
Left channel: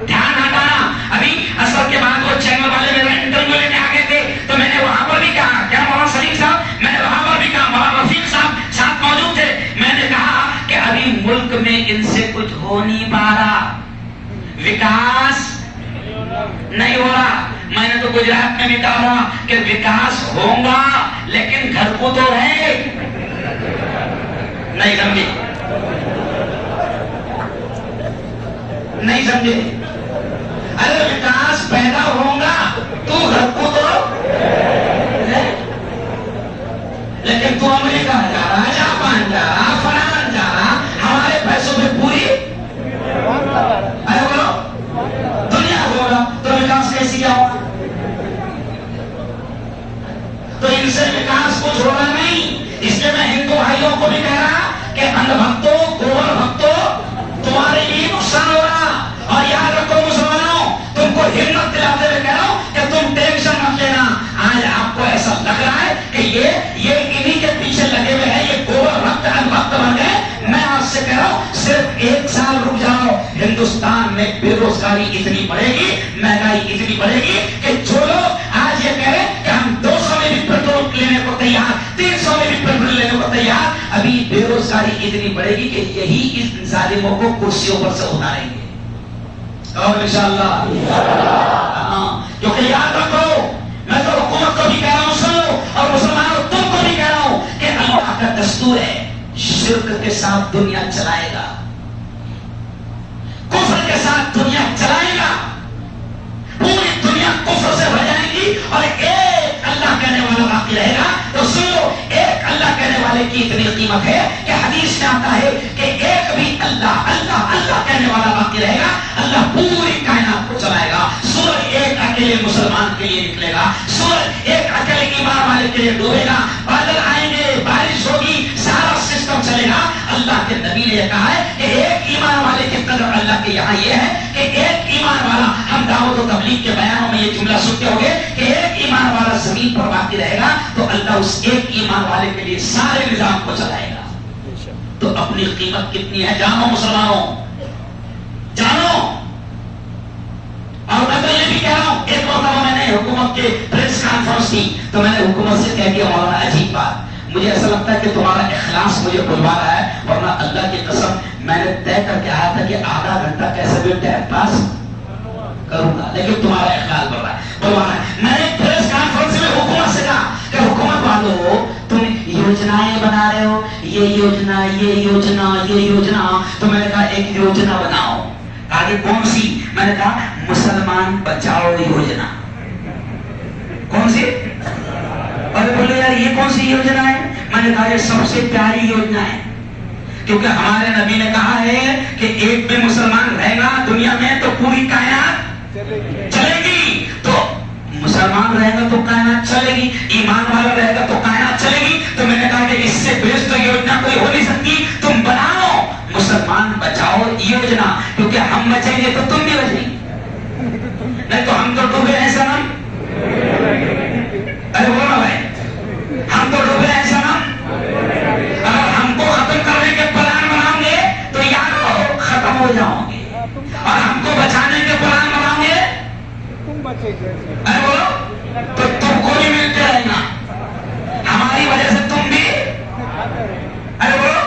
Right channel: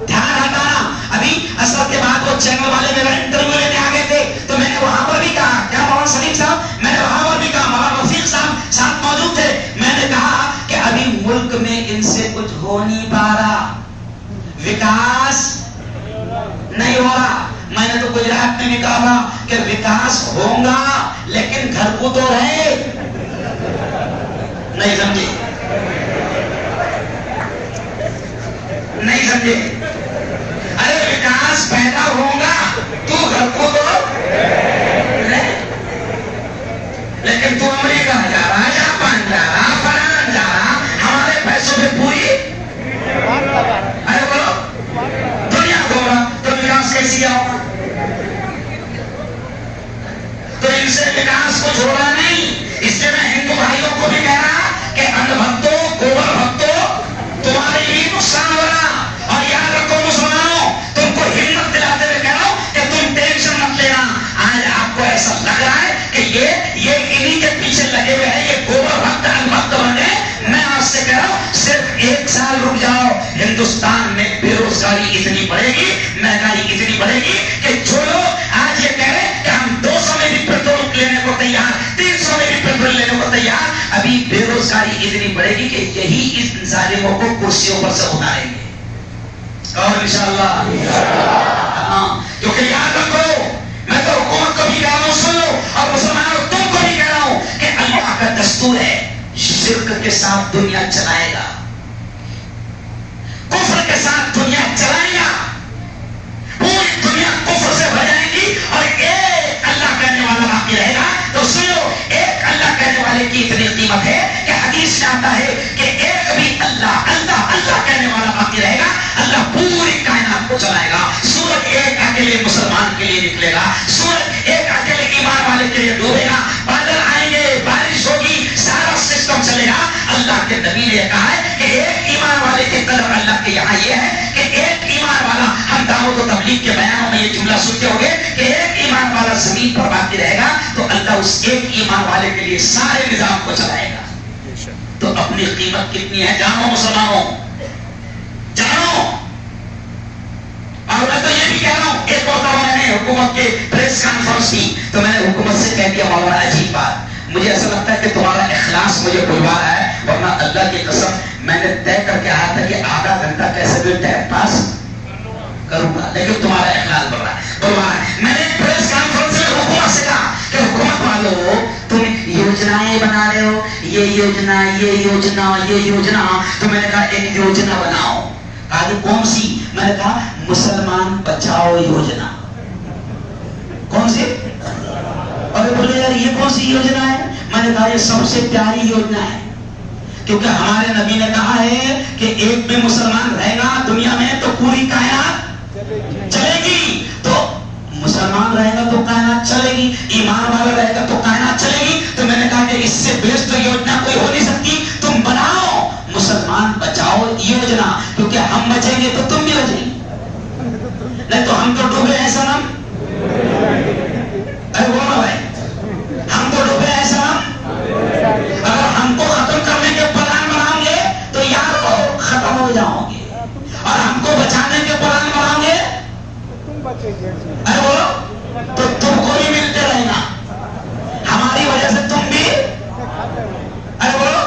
دھیان ہٹانا. ابھی اصل کے بعد وہ چینل والے میرا انٹرویو لینے آ گئے تھے تو میں نے وہاں پر بھی کہا, کیا مولانا سلیم صاحب, میں نے وہاں پر بھی کہا, مولانا رفیق صاحب ساتھ موجود تھے, میں نے کہا کہ ابھی ملک میں ان سے کچھ ہو نہیں پا رہا, وکاس نہیں ہو رہا. میں نے تو گجرات میں بھی کہا کہ وکاس ہوگا لیکن گھر کو تو ہے نہیں سمجھے, نہیں سمجھے. ارے وکاس پیدا ہوگا تو گھر کو تو لیکن تو امریکہ جا رہا, جاپان جا رہا, فرانس جا رہا, ہمارے پیسوں میں پوری ارے بولو دنیا کو رہا, تو وکاس کیسی ہوگا؟ تو ان سے وکاس کچھ ہو رہا نہیں. اس لیے میں ہندو بھائیوں کو بھی کہہ رہا کہ ان بھکتوں, گوبر بھکتوں, تمہارے لیے نقصان ہو رہا. اور یاد رکھو مسلمانوں, تم کو ہمت دلاتے ہوئے کہہ رہا ہوں کہ تم ٹینشن مت لینا. آج آپ کو ایسا لگ رہا ہے کہ یہ انہی کے پیچھے لگے ہوئے ہیں, یہ گوبر بھکت ان بھکت بن گئے. میں آپ سے کہہ رہا ہوں صرف 1 سال رک جاؤ, ہندوستان میں بے روزگاری اتنی بڑھے گی, مہنگائی اتنی بڑھے گی کہ جو لوگ آج یہ کہہ رہے ہیں کہ ہم 200 میں بھی پیٹرول لینے کو تیار, 300 میں بھی پیٹرول لینے کو تیار, ابھی بے روزگاری اتنی بڑھے گی کہ یہی اس ظالموں کو کرسیوں پر سے اٹھائیں گے. اور انشاءاللہ کیونکہ یاد رکھو, میں تو حکومت کو بھی کہہ رہا ہوں سنو, اور مسلمانوں تم کو بھی کہہ رہا ہوں کہ اللہ کا دستور ہے شرک کے ساتھ دنیا چلائے گا, کفر کے ساتھ دنیا چلائے گا, پوری دنیا کفر سے بھر جائے گی اور ایک اللہ کہنے والا باقی رہے گا. تو سنو, ایک اللہ کہنے والے کی اتنی قیمت ہے کہ حدیث میں آتا ہے کہ ایک بھی اللہ اللہ اللہ کہنے والا باقی رہے گا, اللہ پوری کائنات کو چلائے گا. سورج ایک اکیلے مسلمان کے لیے نکلے گا, سورج ایک اکیلے ایمان والے کے لیے ڈوبے گا, بادل آئیں گے, بارش ہوگی, سارا سسٹم چلے گا. اللہ کے نبی نے کہا ہے کہ ایک ایمان والے کے قدر اللہ کے یہاں یہ ہے کہ ایک ایمان والا, ہم دعوت و تبلیغ کے بیانوں میں یہ جملہ سنتے ہوں گے کہ ایک ایمان والا زمین پر باقی رہے گا تو اللہ اس ایک ایمان والے کے لیے سارے نظام کو چلائے گا. تو اپنی قیمت کتنی ہے جانو مسلمانوں, جانو. اور میں تو یہ بھی کہہ رہا ہوں, ایک مرتبہ میں نے حکومت کے پریس کانفرنس کی تو میں نے حکومت سے کہہ دیا, مولانا عجیب بات, مجھے ایسا لگتا ہے کہ تمہارا اخلاص مجھے بلوا رہا ہے, ورنہ اللہ کی قسم میں نے طے کر کے آیا تھا کہ آدھا گھنٹہ کیسے بھی ٹائم پاس کروں گا, لیکن تمہارا اخلاص بلوا رہا ہے. میں نے پریس کانفرنس میں حکومت سے کہا کہ حکومت والوں تم یوجنائیں بنا رہے ہو, یہ یوجنا یہ یوجنا یہ یوجنا, تو میں نے کہا ایک یوجنا بناؤ. آگے کون سی؟ میں نے کہا مسلمان بچاؤ یوجنا. کون سی؟ اور بولے یار یہ کون سی یوجنا ہے؟ میں نے کہا یہ سب سے پیاری یوجنا ہے, کیونکہ ہمارے نبی نے کہا ہے کہ ایک بھی مسلمان رہے گا دنیا میں تو پوری کائنات چلے گی. تو مسلمان رہے گا تو کائنات چلے گی, ایمان والا رہے گا تو کائنات چلے گی. تو میں نے کہا کہ اس سے بیسٹ یوجنا کوئی ہو نہیں سکتی, تم بناؤ مسلمان بچاؤ یوجنا, کیونکہ ہم بچیں گے تو تم بھی بچیں گے, نہیں تو ہم تو ڈوبے ہیں سنم. ارے بولو بھائی, ہم تو ڈوبے ہیں سنم. اگر ہم کو ختم کرنے کے پلان بناؤ گے تو یاد رکھو ختم ہو جاؤ گے, اور ہم کو بچانے کے پلان بناؤ گے ارے بولو تو تم کو بھی ملتے رہنا, ہماری وجہ سے تم بھی ارے بولو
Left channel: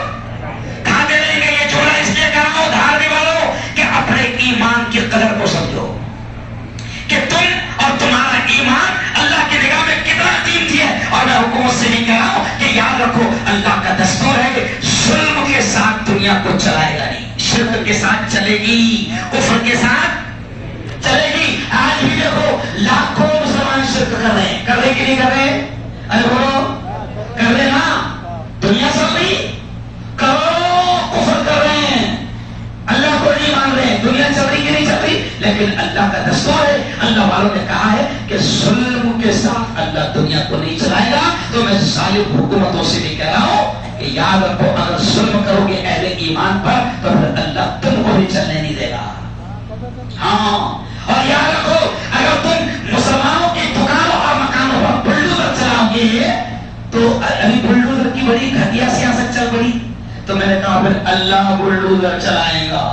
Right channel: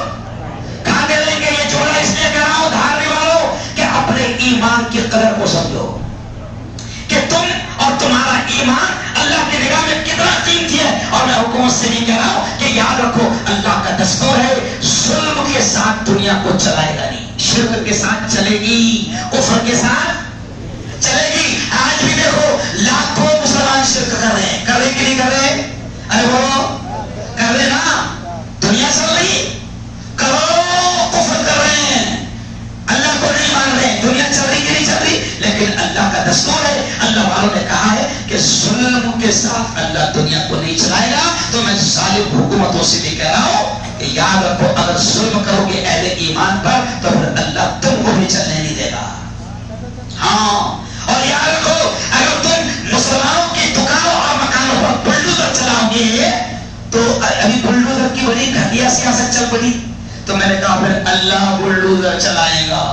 کھاتے رہیں گے. یہ چھوڑا اس لیے کر رہا ہوں دھار بھی والو کہ اپنے ایمان کی قدر کو سمجھو کہ تم اور تمہارا ایمان اللہ کی نگاہ میں کتنا قیمتی ہے. اور میں حکومت سے بھی کہہ رہا ہوں کہ یاد رکھو اللہ کا دستور ہے ظلم کے ساتھ دنیا کو چلائے گا نہیں, شرک کے ساتھ چلے گی, کفر کے ساتھ چلے گی. آج بھی دیکھو لاکھوں مسلمان شرک کر رہے ہیں, کر رہے کہ نہیں کر رہے؟ ارے بولو کر رہے نا. دنیا چل رہی کہ نہیں چل رہی، لیکن اللہ کا دستور ہے، اللہ والوں نے کہا ہے کہ ظلم کے ساتھ اللہ دنیا کو نہیں چلائے گا۔ تو میں ظالم حکومتوں سے بھی کہہ رہا ہوں کہ یاد رکھو، اگر ظلم کرو گے اہل ایمان پر تو پھر اللہ تم کو بھی چلنے نہیں دے گا۔ ہاں، اور یاد رکھو، اگر تم مسلمانوں کی دکانوں اور مکانوں پر بلڈوزر چلاؤ گے تو ابھی بلڈوزر کی بڑی گھٹیا سیاست چل پڑی، تو میں نے کہا پھر اللہ بلڈوزر چلائے گا،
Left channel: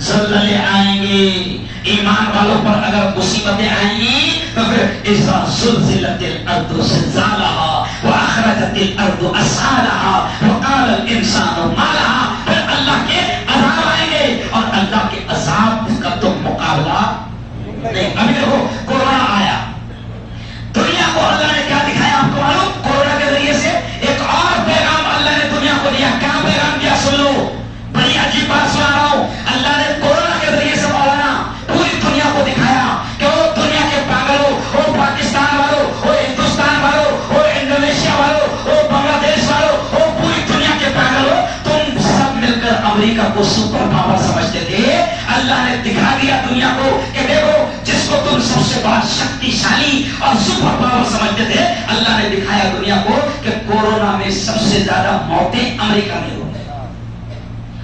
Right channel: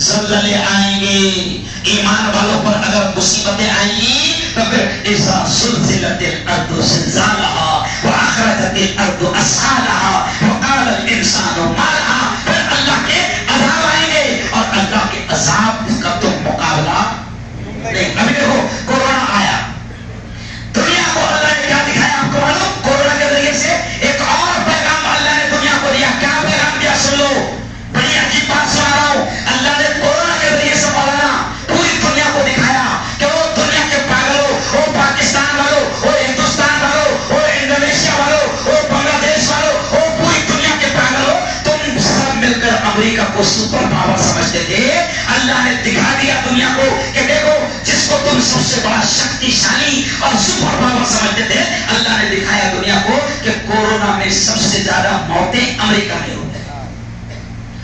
زلزلے آئیں گے، ایمان والوں پر اگر مصیبتیں آئیں گی تو پھر اذا زلزلت الارض زلزالها واخرجت الارض اثقالها وقال الانسان ما لها، پھر اللہ کے عذاب آئیں گے، اور اللہ کے عذاب کا تم مقابلہ نہیں۔ ابھی دیکھو کورونا آیا، دنیا کو اللہ نے کیا دکھایا آپ کو معلوم؟ کورونا کے ذریعے سے ایک اور پیغام اللہ نے دنیا کو دیا۔ کیا پیغام دیا سن لو، بڑی عجیب بات سنا رہا ہوں۔ اللہ نے کورونا کے ذریعے سے مولانا پوری دنیا کو دکھایا کہ وہ دنیا کے پاگلوں، وہ پاکستان والوں، وہ ہندوستان والوں، وہ انڈونیشیا والوں، وہ بنگلہ دیش والوں، وہ پوری دنیا کے پاگلوں، تم سب مل کر امریکہ کو سپر پاور سمجھتے تھے۔ اللہ نے دکھا دیا دنیا کو کہ دیکھو، جس کو تم سب سے بڑا شکتی شالی اور سپر پاور سمجھتے تھے، اللہ نے دکھایا دنیا کو کہ کورونا میں سب سے زیادہ موتیں امریکہ میں ہوئی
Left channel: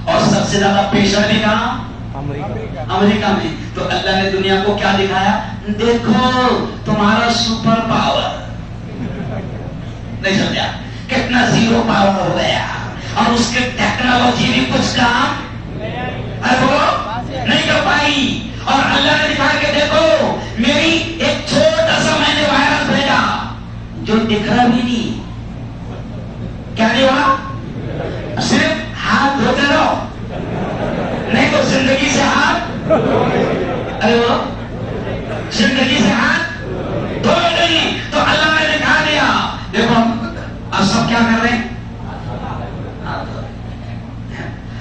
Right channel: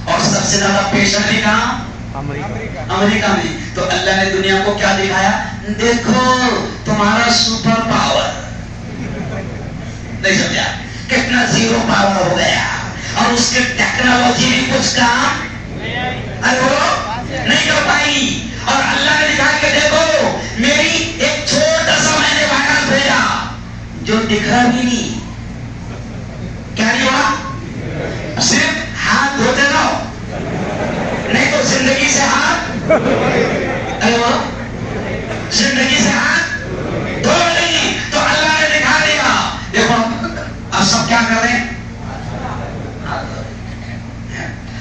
اور سب سے زیادہ پیشنٹ بھی کہاں؟ امریکہ میں۔ تو اللہ نے دنیا کو کیا دکھایا؟ دیکھو تمہارا سپر پاور، نہیں سمجھا؟ کتنا زیرو پاور ہو گیا، اور اس کی ٹیکنالوجی بھی کچھ کام نہیں کر پائی۔ اور اللہ نے دکھایا کہ دیکھو میری ایک چھوٹا سا میں نے وائرس بھیجا جو دکھ رہا بھی نہیں، کیا نہیں ہوا؟ صرف ہاتھ دھوتے رہو، نہیں تو زندگی سے ہاتھ، ارے وہ زندگی سے ہاتھ دھو نہیں۔ تو اللہ نے دکھا دیا، دیکھو اب سب کیا کر رہے ہیں؟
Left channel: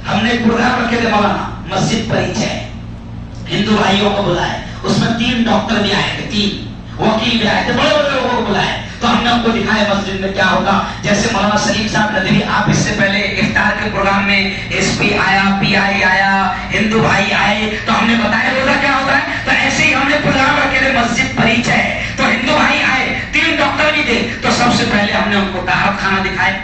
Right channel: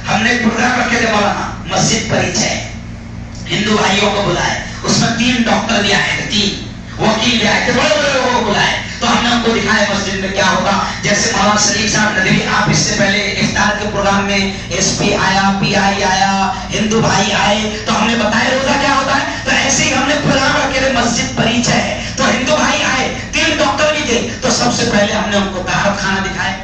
ہم نے پروگرام رکھے تھے مولانا، مسجد پریچے، ہندو بھائیوں کو بلائے، اس میں 3 ڈاکٹر بھی آئے تھے، 3 وکیل بھی آئے تھے، بڑے بڑے لوگوں کو بلائے، تو ہم نے ان کو دکھایا مسجد میں کیا ہوگا۔ جیسے مولانا سلیم صاحب ندوی، آپ اس سے پہلے افطار کے پروگرام میں ایس پی آیا، پی آئی آیا، ہندو بھائی آئے، تو ہم نے بتایا روزہ کیا ہوتا ہے۔ تو ایسے ہی ہم نے پروگرام رکھے تھے مسجد پریچ ہے، تو ہندو بھائی آئے، 3 ڈاکٹر بھی تھے، تو سب سے پہلے ہم نے ان کو طہارت خانہ دکھایا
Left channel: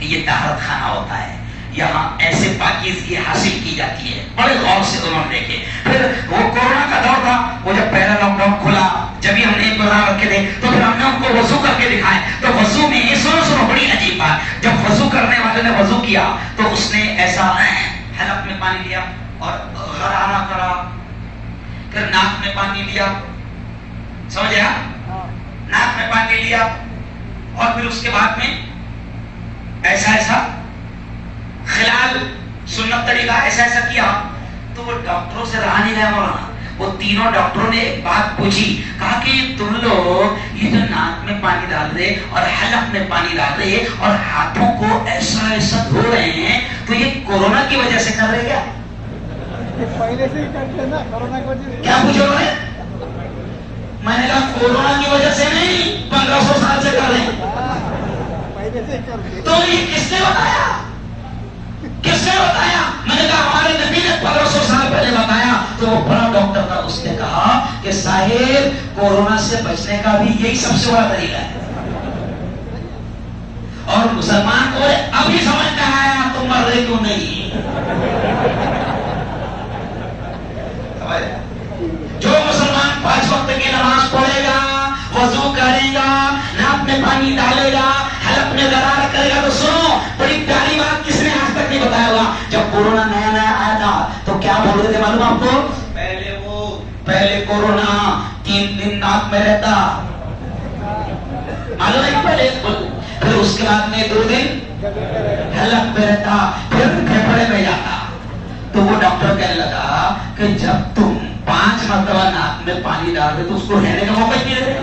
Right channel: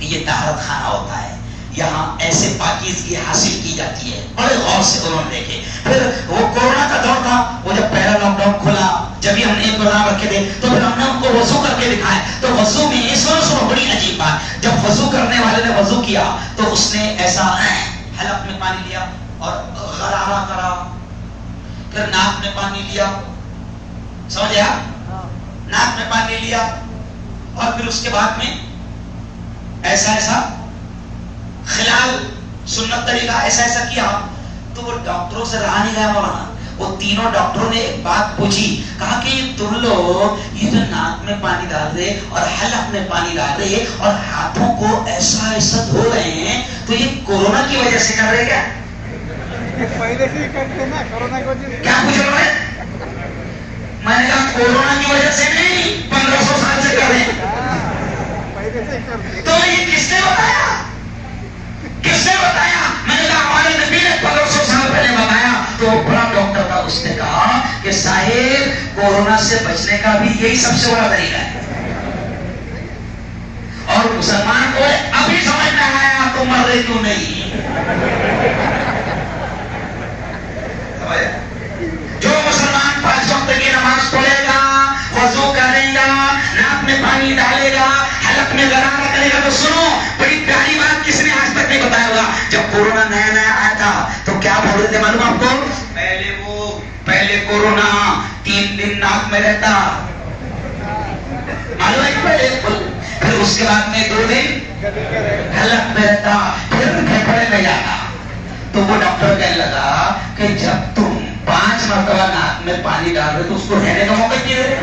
کہ یہ طہارت خانہ ہوتا ہے، یہاں ایسے پاکیزگی حاصل کی جاتی ہے، بڑے غور سے انہوں نے دیکھے۔ پھر وہ کورونا کا دور تھا، وہ جب پہلا لاک ڈاؤن کھلا، جب بھی ہم نے پروگرام رکھے تھے، تو پھر ہم نے ان کو وضو کر کے دکھائے۔ تو وضو میں سنو بڑی عجیب بات، جب وضو کرنے والے نے وضو کیا تو اس نے ایسا حلق میں پانی لیا اور غرارہ کرا، پھر ناک میں پانی لیا، سمجھا؟ ناک میں پانی لیا، اور پھر اس کے بعد میں ایسا خلال سنت طریقہ ایسا کیا۔ تو وہ ڈاکٹروں سے رہا نہیں گیا مولانا، وہ تینوں ڈاکٹروں نے ایک بات پوچھی، کہا کہ تم لوگ یہ جو ناک میں پانی ڈال رہے اور حلق میں پانی ڈال رہے اور ہاتھوں کو ایسا دھو رہے ہیں، تو یہ کورونا کی وجہ سے کر رہے کیا؟ پہلے سے ہی کرتے نا کورونا کی وجہ سے۔ کیا پوچھا انہوں نے؟ میں نے کہا کورونا کی وجہ سے نہیں، 1500 سال سے کر رہے ہیں۔ تو یہ کس نے بتایا؟ کس نے بتایا؟ میں نے کہا ہمارے نبی نے 1500 سال پہلے بتایا۔ تو وہ بڑا ڈاکٹر تھا، اس نے کہا کہ صاحب کورونا سے بچنے کا بھی یہی سب سے بڑا طریقہ ہے، اور مسلمان کو ابھی سمجھ میں آیا تو مر رہے کیوں نہیں۔ جو مسلمان 5 وقت کی نماز پڑھے گا، وضو کرے گا، ناک میں پانی ڈالے گا، حلق میں غرارہ کرے گا، تو سنو بڑی پیاری بات کس نے آج تک نہیں بتایا ہوگا۔ جب کورونا نیا آیا تھا تو کیا بول رہے تھے معلوم آپ کو؟ پہلے کورونا 3 دن ناک میں رہتا، معلوم ہے؟ پھر اس کے بعد میں 2 دن حلق میں رہتا، پھر پھیپھڑے میں جاتا۔ تو وہ ڈاکٹر کہنے لگا کہ جب تم 5 مرتبہ ناک میں پانی ڈال رہے تو اس کو رہنے کا موقع نہیں دے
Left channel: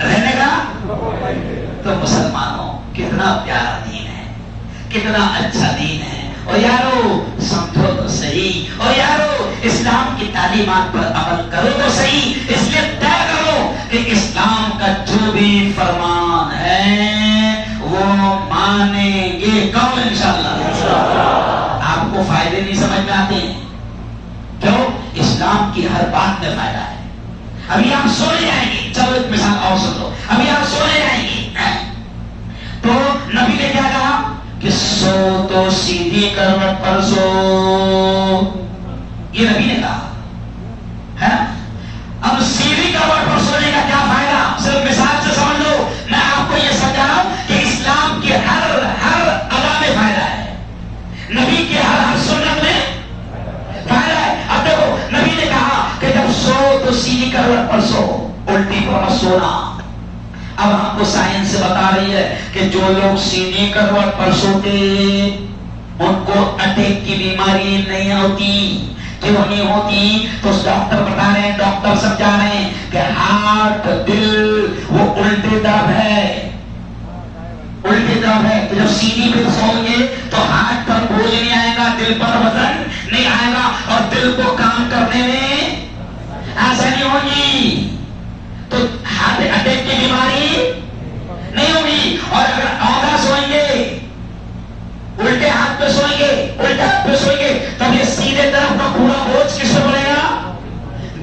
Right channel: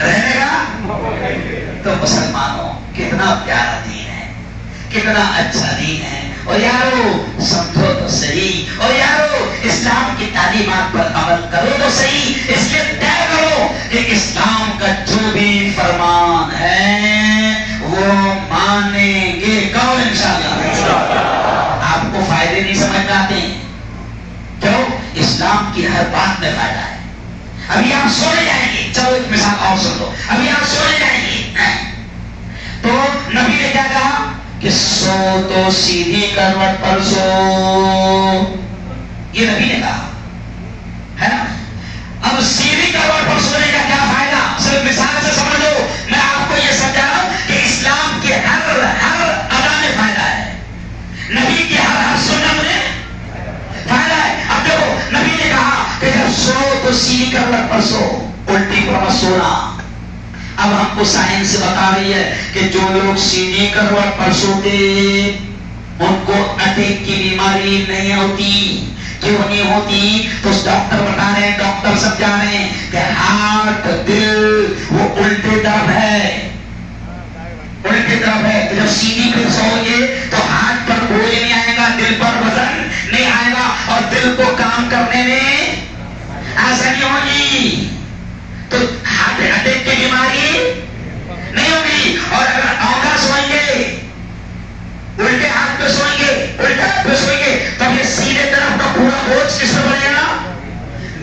رہنے کا۔ تو مسلمانوں کتنا پیارا دین ہے، کتنا اچھا دین ہے، اور یارو سمجھو تو صحیح، اور یارو اسلام کی تعلیمات پر عمل کرو تو صحیح۔ اس لیے طے کرو کہ اسلام کا جو بھی فرمان ہے وہ مانیں گے، کون انشاءاللہ؟ اسلام کی ہر بات میں فائدہ ہے. ابھی آپ سونے جائیں گے, چلو ایک مثال اور سن لو, ابھی آپ سونے جائیں گے تو نبی نے کیا کہا کہ سو تو سیدھی کروٹ پر سو, یہ نبی نے کہا ہے نا. اب سیدھی کروٹ پر سونے کا کیا فائدہ, صرف مثال سے سمجھ لو. میں آپ کو یہ سمجھا رہا ہوں کہ اسلام کے ہر ادا میں فائدہ ہے, نبی کے ہر سنت میں فائدہ ہے. اب دیکھو نبی نے کہا کہ جب سو تو سیدھی کروٹ پر سو, الٹی پر مت سونا. اب ہم کو سائنس بتا رہی ہے کہ جو لوگ سیدھی کروٹ پر سوتے ان کو اٹیک کی بیماری نہیں ہوتی. کیوں نہیں ہوتی؟ تو ڈاکٹر بتا رہے ہیں, ڈاکٹر سمجھا رہے ہیں کہ ہارٹ, دل وہ الٹی طرف ہے, الٹی طرف ہے. تو جب سیدھی پہ سو گے تو ہاتھ پر بوجھ نہیں آئے گا, دل پر وزن نہیں آئے گا, اور دل کو کام کرنے میں آسانی ہوگی. تو ہارٹ اٹیک کی بیماری نہیں ہوگی. اور اگر آدھا سوئیں گے, الٹے ہاتھ پہ سوئیں گے, الٹے ہاتھ پہ سوئیں گے, تب یہ سیدھے طرف کا پورا بوجھ کس پہ پڑے گا,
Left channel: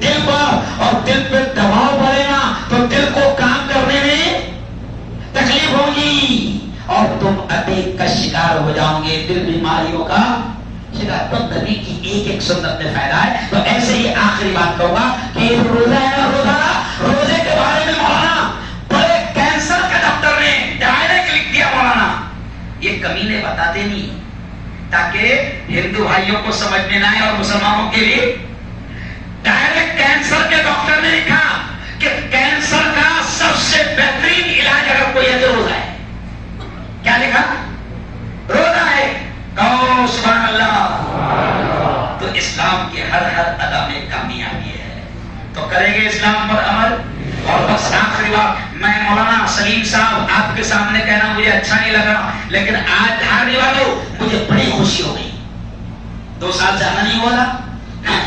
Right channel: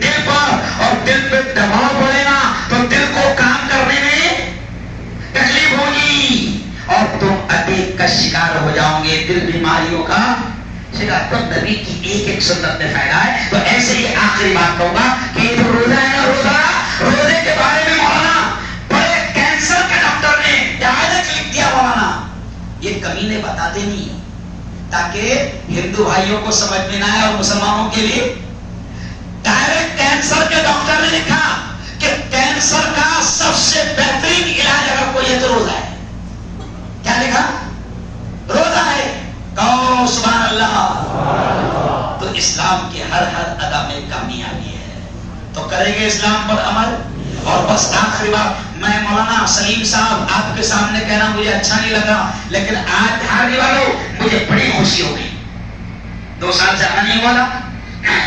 دل پر, اور دل پہ دباؤ پڑے گا تو دل کو کام کرنے میں تکلیف ہوگی اور تم اٹیک کا شکار ہو جاؤ گے, دل بیماریوں کا شکار. تو نبی کی ایک ایک سنت میں فائدہ ہے. تو ایسے ہی آخری بات ہوگا کہ یہ روزہ ہے نا, روزے کے بارے میں مولانا بڑے کینسر کے ڈاکٹر نے ڈائریکٹ لکھ دیا. مولانا یہ کمینے بتاتے نہیں تاکہ ہندو بھائیوں کو سمجھ میں نہ آئے اور مسلمانوں کے لیے. ڈائریکٹ کینسر کے ڈاکٹر نے لکھا کہ کینسر کا سب سے بہترین علاج اگر کوئی ہے تو روزہ ہے. کیا لکھا؟ روزہ ہے. تو سبحان اللہ. تو اسلام کے ہر ادا میں کامیابی ہے. تو کریں گے اسلام پر عمل. اور بس آخری بات, میں مولانا سلیم صاحب آپ کے سامنے کہنا مجھے اچھا نہیں لگ رہا, لیکن آج ہارنے والوں مجھے بڑی خوشی ہو گئی. 2 سال سے آنا نہیں ہوا تھا,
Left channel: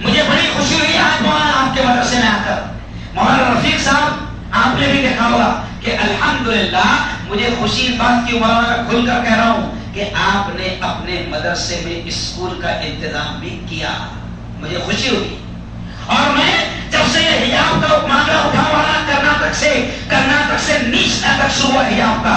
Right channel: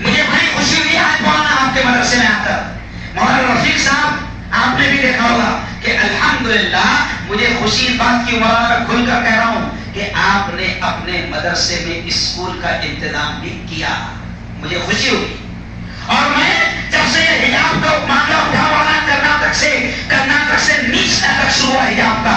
مجھے بڑی خوشی ہوئی آج مولانا آپ کے مدرسے میں آ کر. مولانا رفیق صاحب آپ نے بھی دیکھا ہوگا کہ الحمدللہ مجھے خوشی اس بات کی, مولانا میں کھل کر کہہ رہا ہوں کہ آپ نے اپنے مدرسے میں اسکول کا انتظام بھی کیا. مجھے خوشی ہوئی. اور میں جب سے یہ حجاب کا معاملہ اٹھا ہوا کرناٹک سے نیچنا تک شروع ہوا حجاب کا,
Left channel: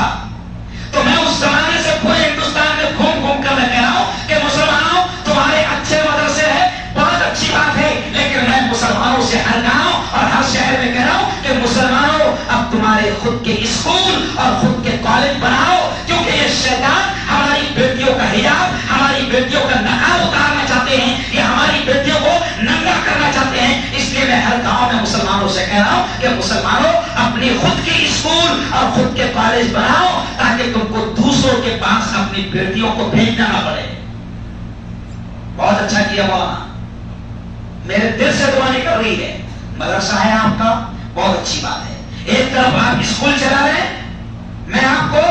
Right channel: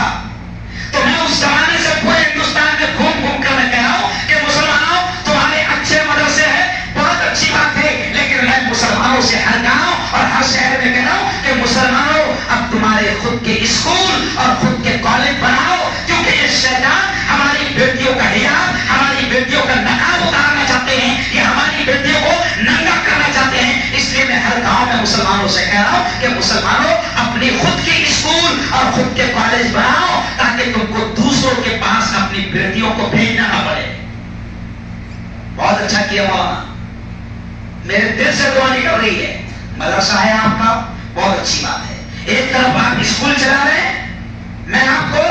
تو میں اس زمانے سے پورے ہندوستان میں گھوم گھوم کر میں کہہ رہا ہوں کہ مسلمانوں تمہارے اچھے مدرسے ہیں, بہت اچھی بات ہے, لیکن میں مسلمانوں سے ہر گاؤں اور ہر شہر میں کہہ رہا ہوں کہ مسلمانوں اب تمہارے خود کے اسکول اور خود کے کالج بناؤ, کیونکہ یہ شیطان ہماری بیٹیوں کا حجاب, ہماری بیٹیوں کا نقاب اتارنا چاہتے ہیں, یہ ہماری بیٹیوں کو ننگا کرنا چاہتے ہیں. اس لیے میں ہر گاؤں میں مسلمانوں سے کہہ رہا ہوں کہ مسلمانوں اپنی خود کے اسکول اور خود کے کالج بناؤ تاکہ تم کو دوسروں کے پاس اپنی بیٹیوں کو بھیجنا نہ پڑے. بہت اچھا کیا مولانا, میرے دل سے دعا نکل رہی ہے. مدرسہ ہے آپ کا, بہت اچھی بات ہے. ایک طرف آپ اسکول چلا رہے ہیں, میں آپ کو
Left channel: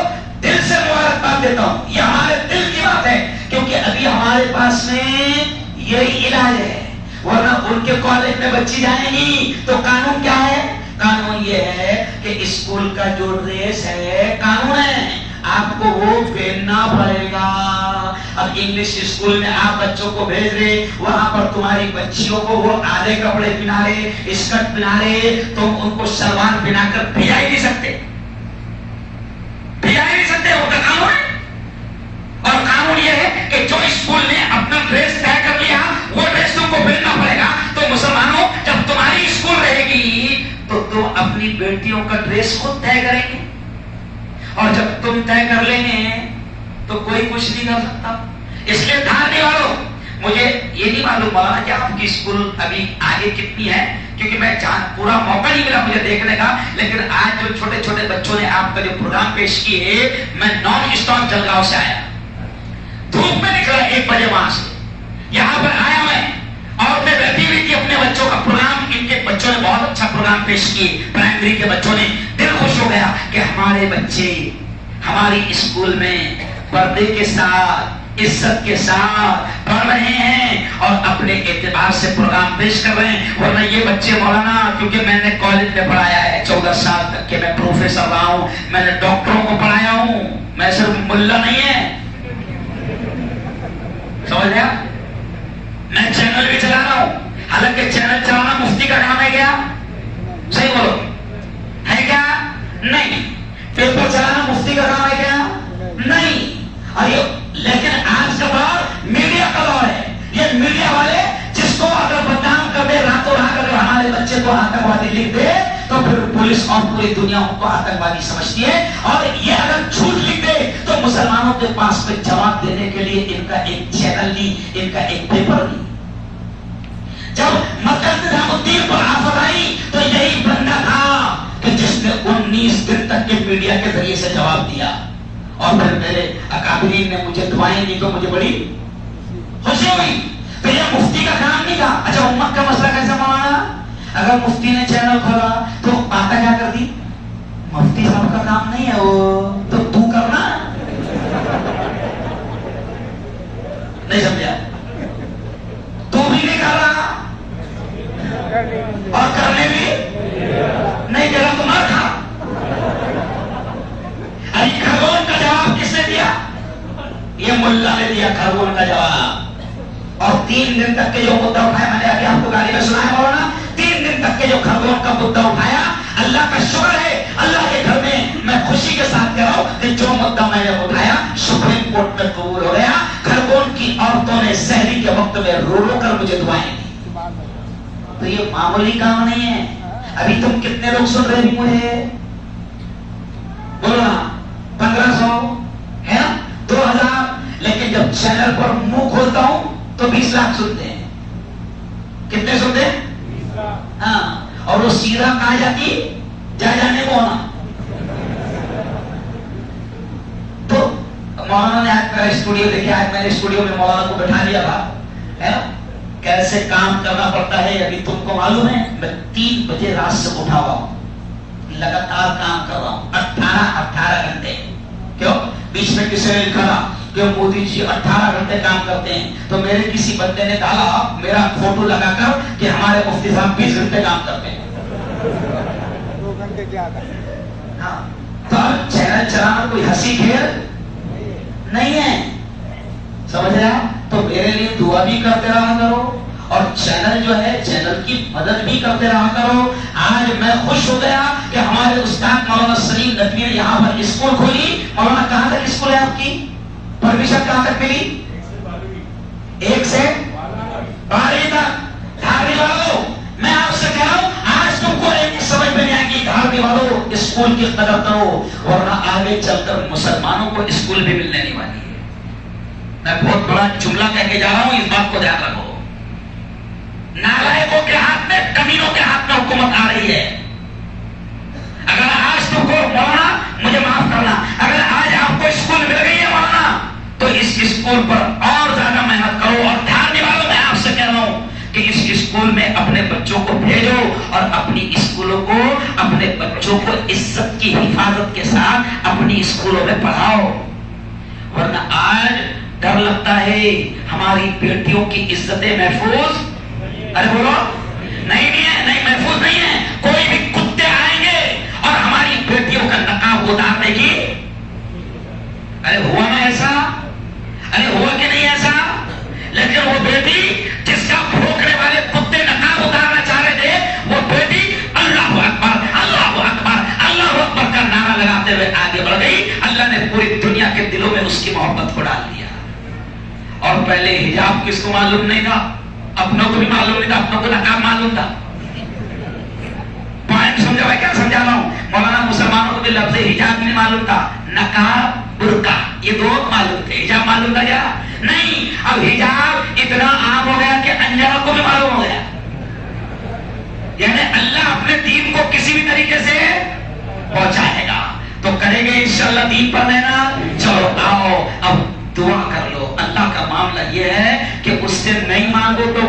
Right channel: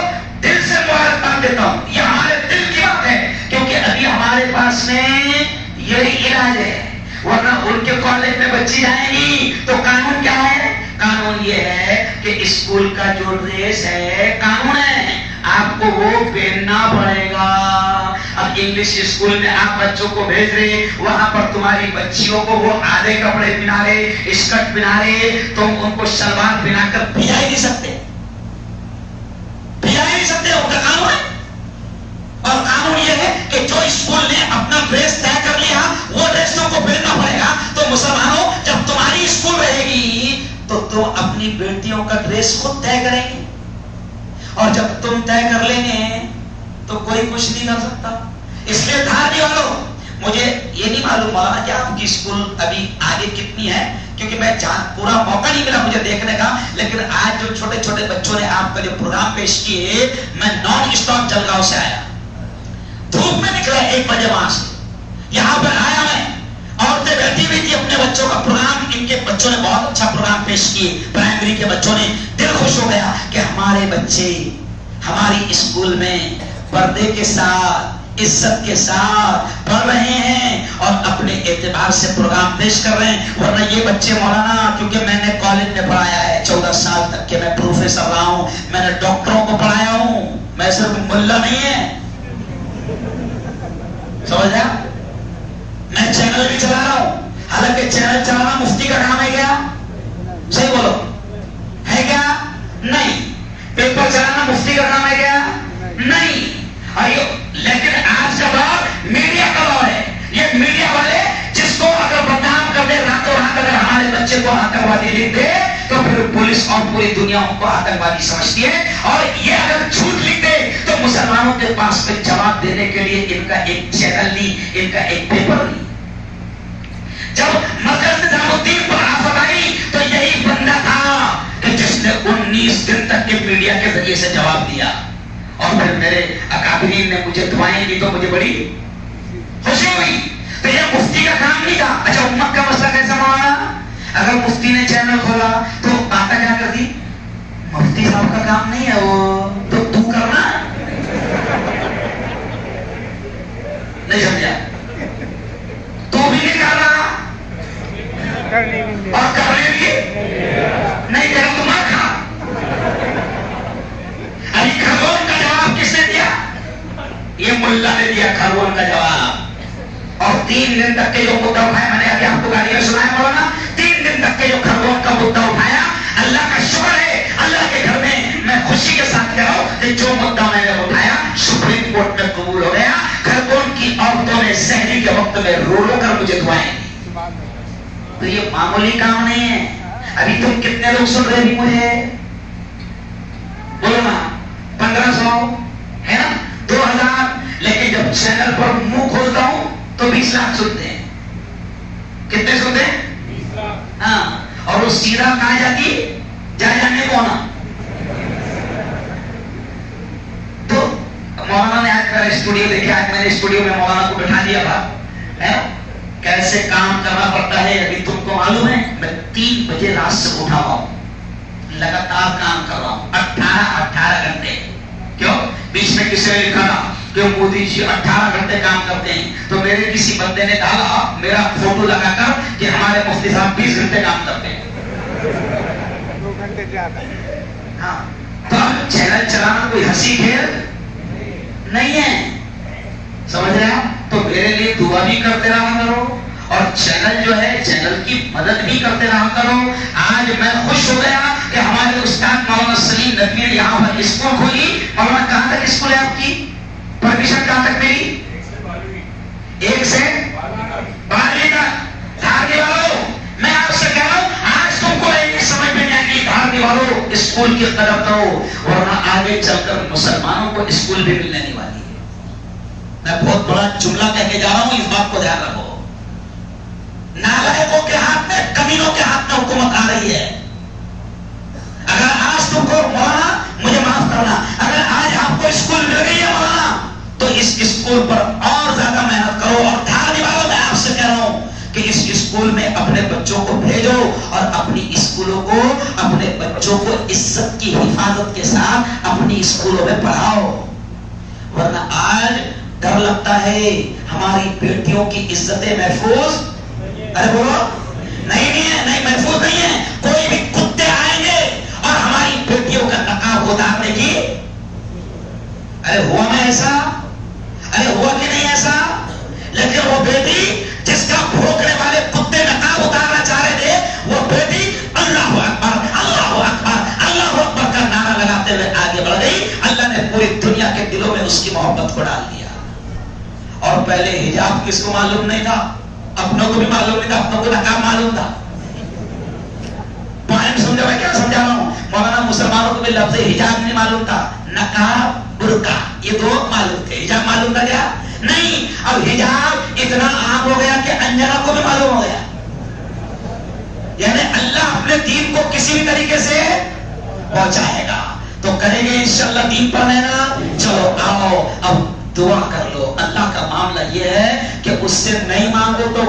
دل سے مبارکباد دیتا ہوں. یہ ہمارے دل کی بات ہے, کیونکہ ابھی ہمارے پاس میں یہی علاج ہے. ورنہ ان کے کالج میں بچی جائیں گی تو قانون کیا ہے؟ قانون یہ ہے کہ اسکول کا جو ڈریس ہے, قانون ہے, آپ کو وہ پہننا پڑے گا. اب انگلش اسکول میں آپ بچوں کو بھیج رہے, وہاں پر تمہاری بچیوں کو وہ آدھے کپڑے پہنا رہے, اسکرٹ پہنا رہے, تم ان کو شلوار پہنا کر بھیجا ہی نہیں سکتے, بھیجا ہی نہیں سکتے. وہ تو قانون ہے. اور قانون یہ ہے کہ جو اسکول نے اپنا ڈریس طے کر لیا وہ ڈریس تم کو پہننا پڑے گا. تو مسلمانوں جب تمہاری اسکول رہے گی تو تم اپنی بیٹیوں کا ڈریس خود طے کریں گے, اور جب تم طے کر لیں گے تو کوئی کچھ نہیں کر سکتا. اس لیے دھارنے والوں, مجھے یہ نہیں معلوم مولانا کہ آپ کی اسکول ابھی آگے کتنی ہے, کیونکہ میں پورا موقع نہیں ملا مجھے دیکھنے کا, لیکن آج جو چھوٹے چھوٹے بچوں نے آپ کا جو پروگرام پیش کیے, میں نان اسٹاپ جلگاؤں سے آیا, دھوپ میں نکلا 1 بجے وہاں سے, یہاں پر آیا میں, عورتیں بیٹھی ہوئی تھی اپنے بچوں کا پروگرام, ان کے بچوں نے بہت اچھا پروگرام پیش کیے, پرائمری کے بچوں نے. دل خوش ہو گیا کہ ہمارے بچے ہماری اسکول میں پردے کے ساتھ, عزت کے ساتھ پڑھ رہے ہیں اور اپنے اعتبار سے پروگرام پیش کر رہے ہیں. ورنہ یہ بچے مولانا, کیونکہ میں نے کالج میں پڑھایا ہے 14 سال تک کہ میں پروفیسر رہا ہوں, میں نے ڈاکٹروں کو پڑھایا ہوں, میں صرف ملا نہیں ہے, سمجھ گیا, میں چینل بھی چلا رہا ہوں. کسی کو آتنکوادی لکھ دے تو پھر پولیس اور پوری دنیا ان کو آتنکوادی سمجھتی ہے، اور یہ اگر جھوٹ لکھ دے تو مسلمانوں کے پاس پہ جواب دینے کے لیے ان کا ایک چینل نہیں، ان کا ایک پیپر نہیں۔ جب مرکز نظام الدین پر آفت آئی تو یہی بندہ تھا کہ جس نے 19 دن تک کے میڈیا کے ذریعے سے جواب دیا، اور پھر میرے اکابرین نے مجھے دعائیں دی تو مجھے بڑی خوشی ہوئی۔ تو یہ مفتی کا کام نہیں تھا۔ اچھا امت کا مسئلہ کیسا معاملہ؟ اگر مفتی نے چینل کھولا تو آتا کیا کر دی؟ مفتی صاحب کا کام نہیں ہے وہ، تو کرنا نہیں، سمجھا؟ تو بھی نہیں کر رہا اور کرنے بھی نہیں دے رہا، تو مر کھا۔ ابھی خرگون کا جواب کس نے دیا؟ یہ ملا نے دیا خرگون کا جواب، اور 3 دن تک کے جو مدعا اٹھایا، میں نے ابھی آپ کو گاڑی میں سنا ہے مولانا، 3 دن تک کے جو خرگون کا مدعا اٹھایا، اللہ کا شکر ہے، اللہ کے گھر میں خوشی کے ساتھ کہہ رہا ہوں کہ جو مدعا میں نے اٹھایا سپریم کورٹ میں قبول ہو گیا۔ خرگون کی عورتوں نے سحری کے وقت میں رو رو کر مجھے دعائیں دی۔ تو یہ معمولی کام نہیں ہے۔ ابھی تم کتنے لوگ سن رہے ہیں مجھے؟ بولو نا، 1500 ہے نا، 2000، لیکن جب چینل پر منہ کھولتا ہوں تو 20 لاکھ سنتے ہیں۔ کتنے سنتے ہیں؟ ہاں، اور وہ سیدھا کہا جاتی جا جانے کو ہونا۔ تو مولانا نے آج میرا اسٹوڈیو دیکھا، آج میں نے اسٹوڈیو میں مولانا کو بٹھا دیا تھا، کیسے کام کرنا پڑتا ہے ابھی تم کو معلوم ہے۔ میں 3 بجے رات سے اٹھا ہوا ہوں، لگاتار کام کر رہا ہوں، 18 گھنٹے۔ کیوں؟ بیچ میں کسی نے لکھا کہ مودی جی 18 گھنٹے کام کرتے ہیں، تو میرے کسی بندے نے ڈالا میرا فوٹو لگا کر کہ ہمارے مفتی صاحب 20 گھنٹے کام کرتے ہیں۔ ہاں، تو چینل چلانا کوئی ہنسی کھیل نہیں ہے، سمجھ رہے ہیں؟ تو میرے لیے دعا بھی کرتے رہا کرو، اور چینل جو ہے چینل کی مدد بھی کرتے رہا کرو۔ آج میں خوش ہو گیا کہ ہمارے استاد مولانا سلیم ندوی نے یہاں پر اسکول کھولی۔ مولانا کہاں تک اسکول ہے آپ کی؟ پرمیشن کہاں تک ملی؟ 1 سے 12ویں تک۔ دھارنی والوں، میں آپ سے کہہ رہا ہوں آج تم کو ایک سمجھ میں آئے گی، دھارنی والوں اسکول کی قدر کرو، ورنہ آگے چل کر مسلمانوں کو اسکول بھی ملنے نہیں والی ہے۔ میں بہت بڑا جملہ کہہ کے جا رہا ہوں، اس بات کو دھیان رکھو۔ نالائقوں کے ہاتھ میں، کمینوں کے ہاتھ میں حکومت آ رہی ہے۔ اگر آج تم کو مولانا، مجھے معاف کرنا، اگر آج آپ کو اسکول مل گئی ہے مولانا، تو اس اسکول پر اور زیادہ محنت کرو، اور دھارنی والوں میں آپ سے کہہ رہا ہوں کہ اس اسکول میں اپنے بچوں کو بھیجو، اور اپنی اسکولوں کو، اپنے بچوں کو عزت کی حفاظت کے ساتھ اپنی اسکولوں میں پڑھاؤ، ورنہ آج ڈر لگتا ہے ہماری بیٹیوں کی عزتیں محفوظ، ارے بولو نہیں ہے، نہیں محفوظ نہیں ہے۔ کوئی بھی کتے آئیں گے اور ہماری بیٹیوں کا نقاب اتارنے کی، ارے ہوا نا ایسا، ارے ہوا کہ نہیں ایسا؟ لیکن وہ بیٹی جس کا بھوکنے والے کتے نقاب اتارنا چاہ رہے تھے، وہ بیٹی اللہ اکبر اللہ اکبر اللہ اکبر کا نعرہ لگاتے ہوئے آگے بڑھ گئی۔ اللہ نے پوری دنیا کے دلوں میں اس کی محبت کو ڈال دیا۔ اور پہلے حجاب کس کو معلوم نہیں تھا؟ اپنوں کو بھی معلوم نہیں تھا، اپنوں کو نقاب معلوم تھا۔ پوائنٹ سمجھا میں کیا سمجھا رہا ہوں؟ مولانا مسلمانوں کو بھی لفظ حجاب نہیں معلوم تھا، نقاب برقع یہ دو معلوم تھے، حجاب معلوم تھا کیا؟ نہیں۔ اب حجاب اتنا عام ہو گیا کہ انجانوں کو بھی معلوم ہو گیا۔ یعنی اللہ اپنے دین کو کسی بھی طریقے سے پہنچائے گا، تو کریں گے انشاءاللہ دین پر رہنا۔ چلو آؤ اب دعا کر لو۔ اللہ کا معاملہ یہ ہے کہ اس سے نہیں مانگو تو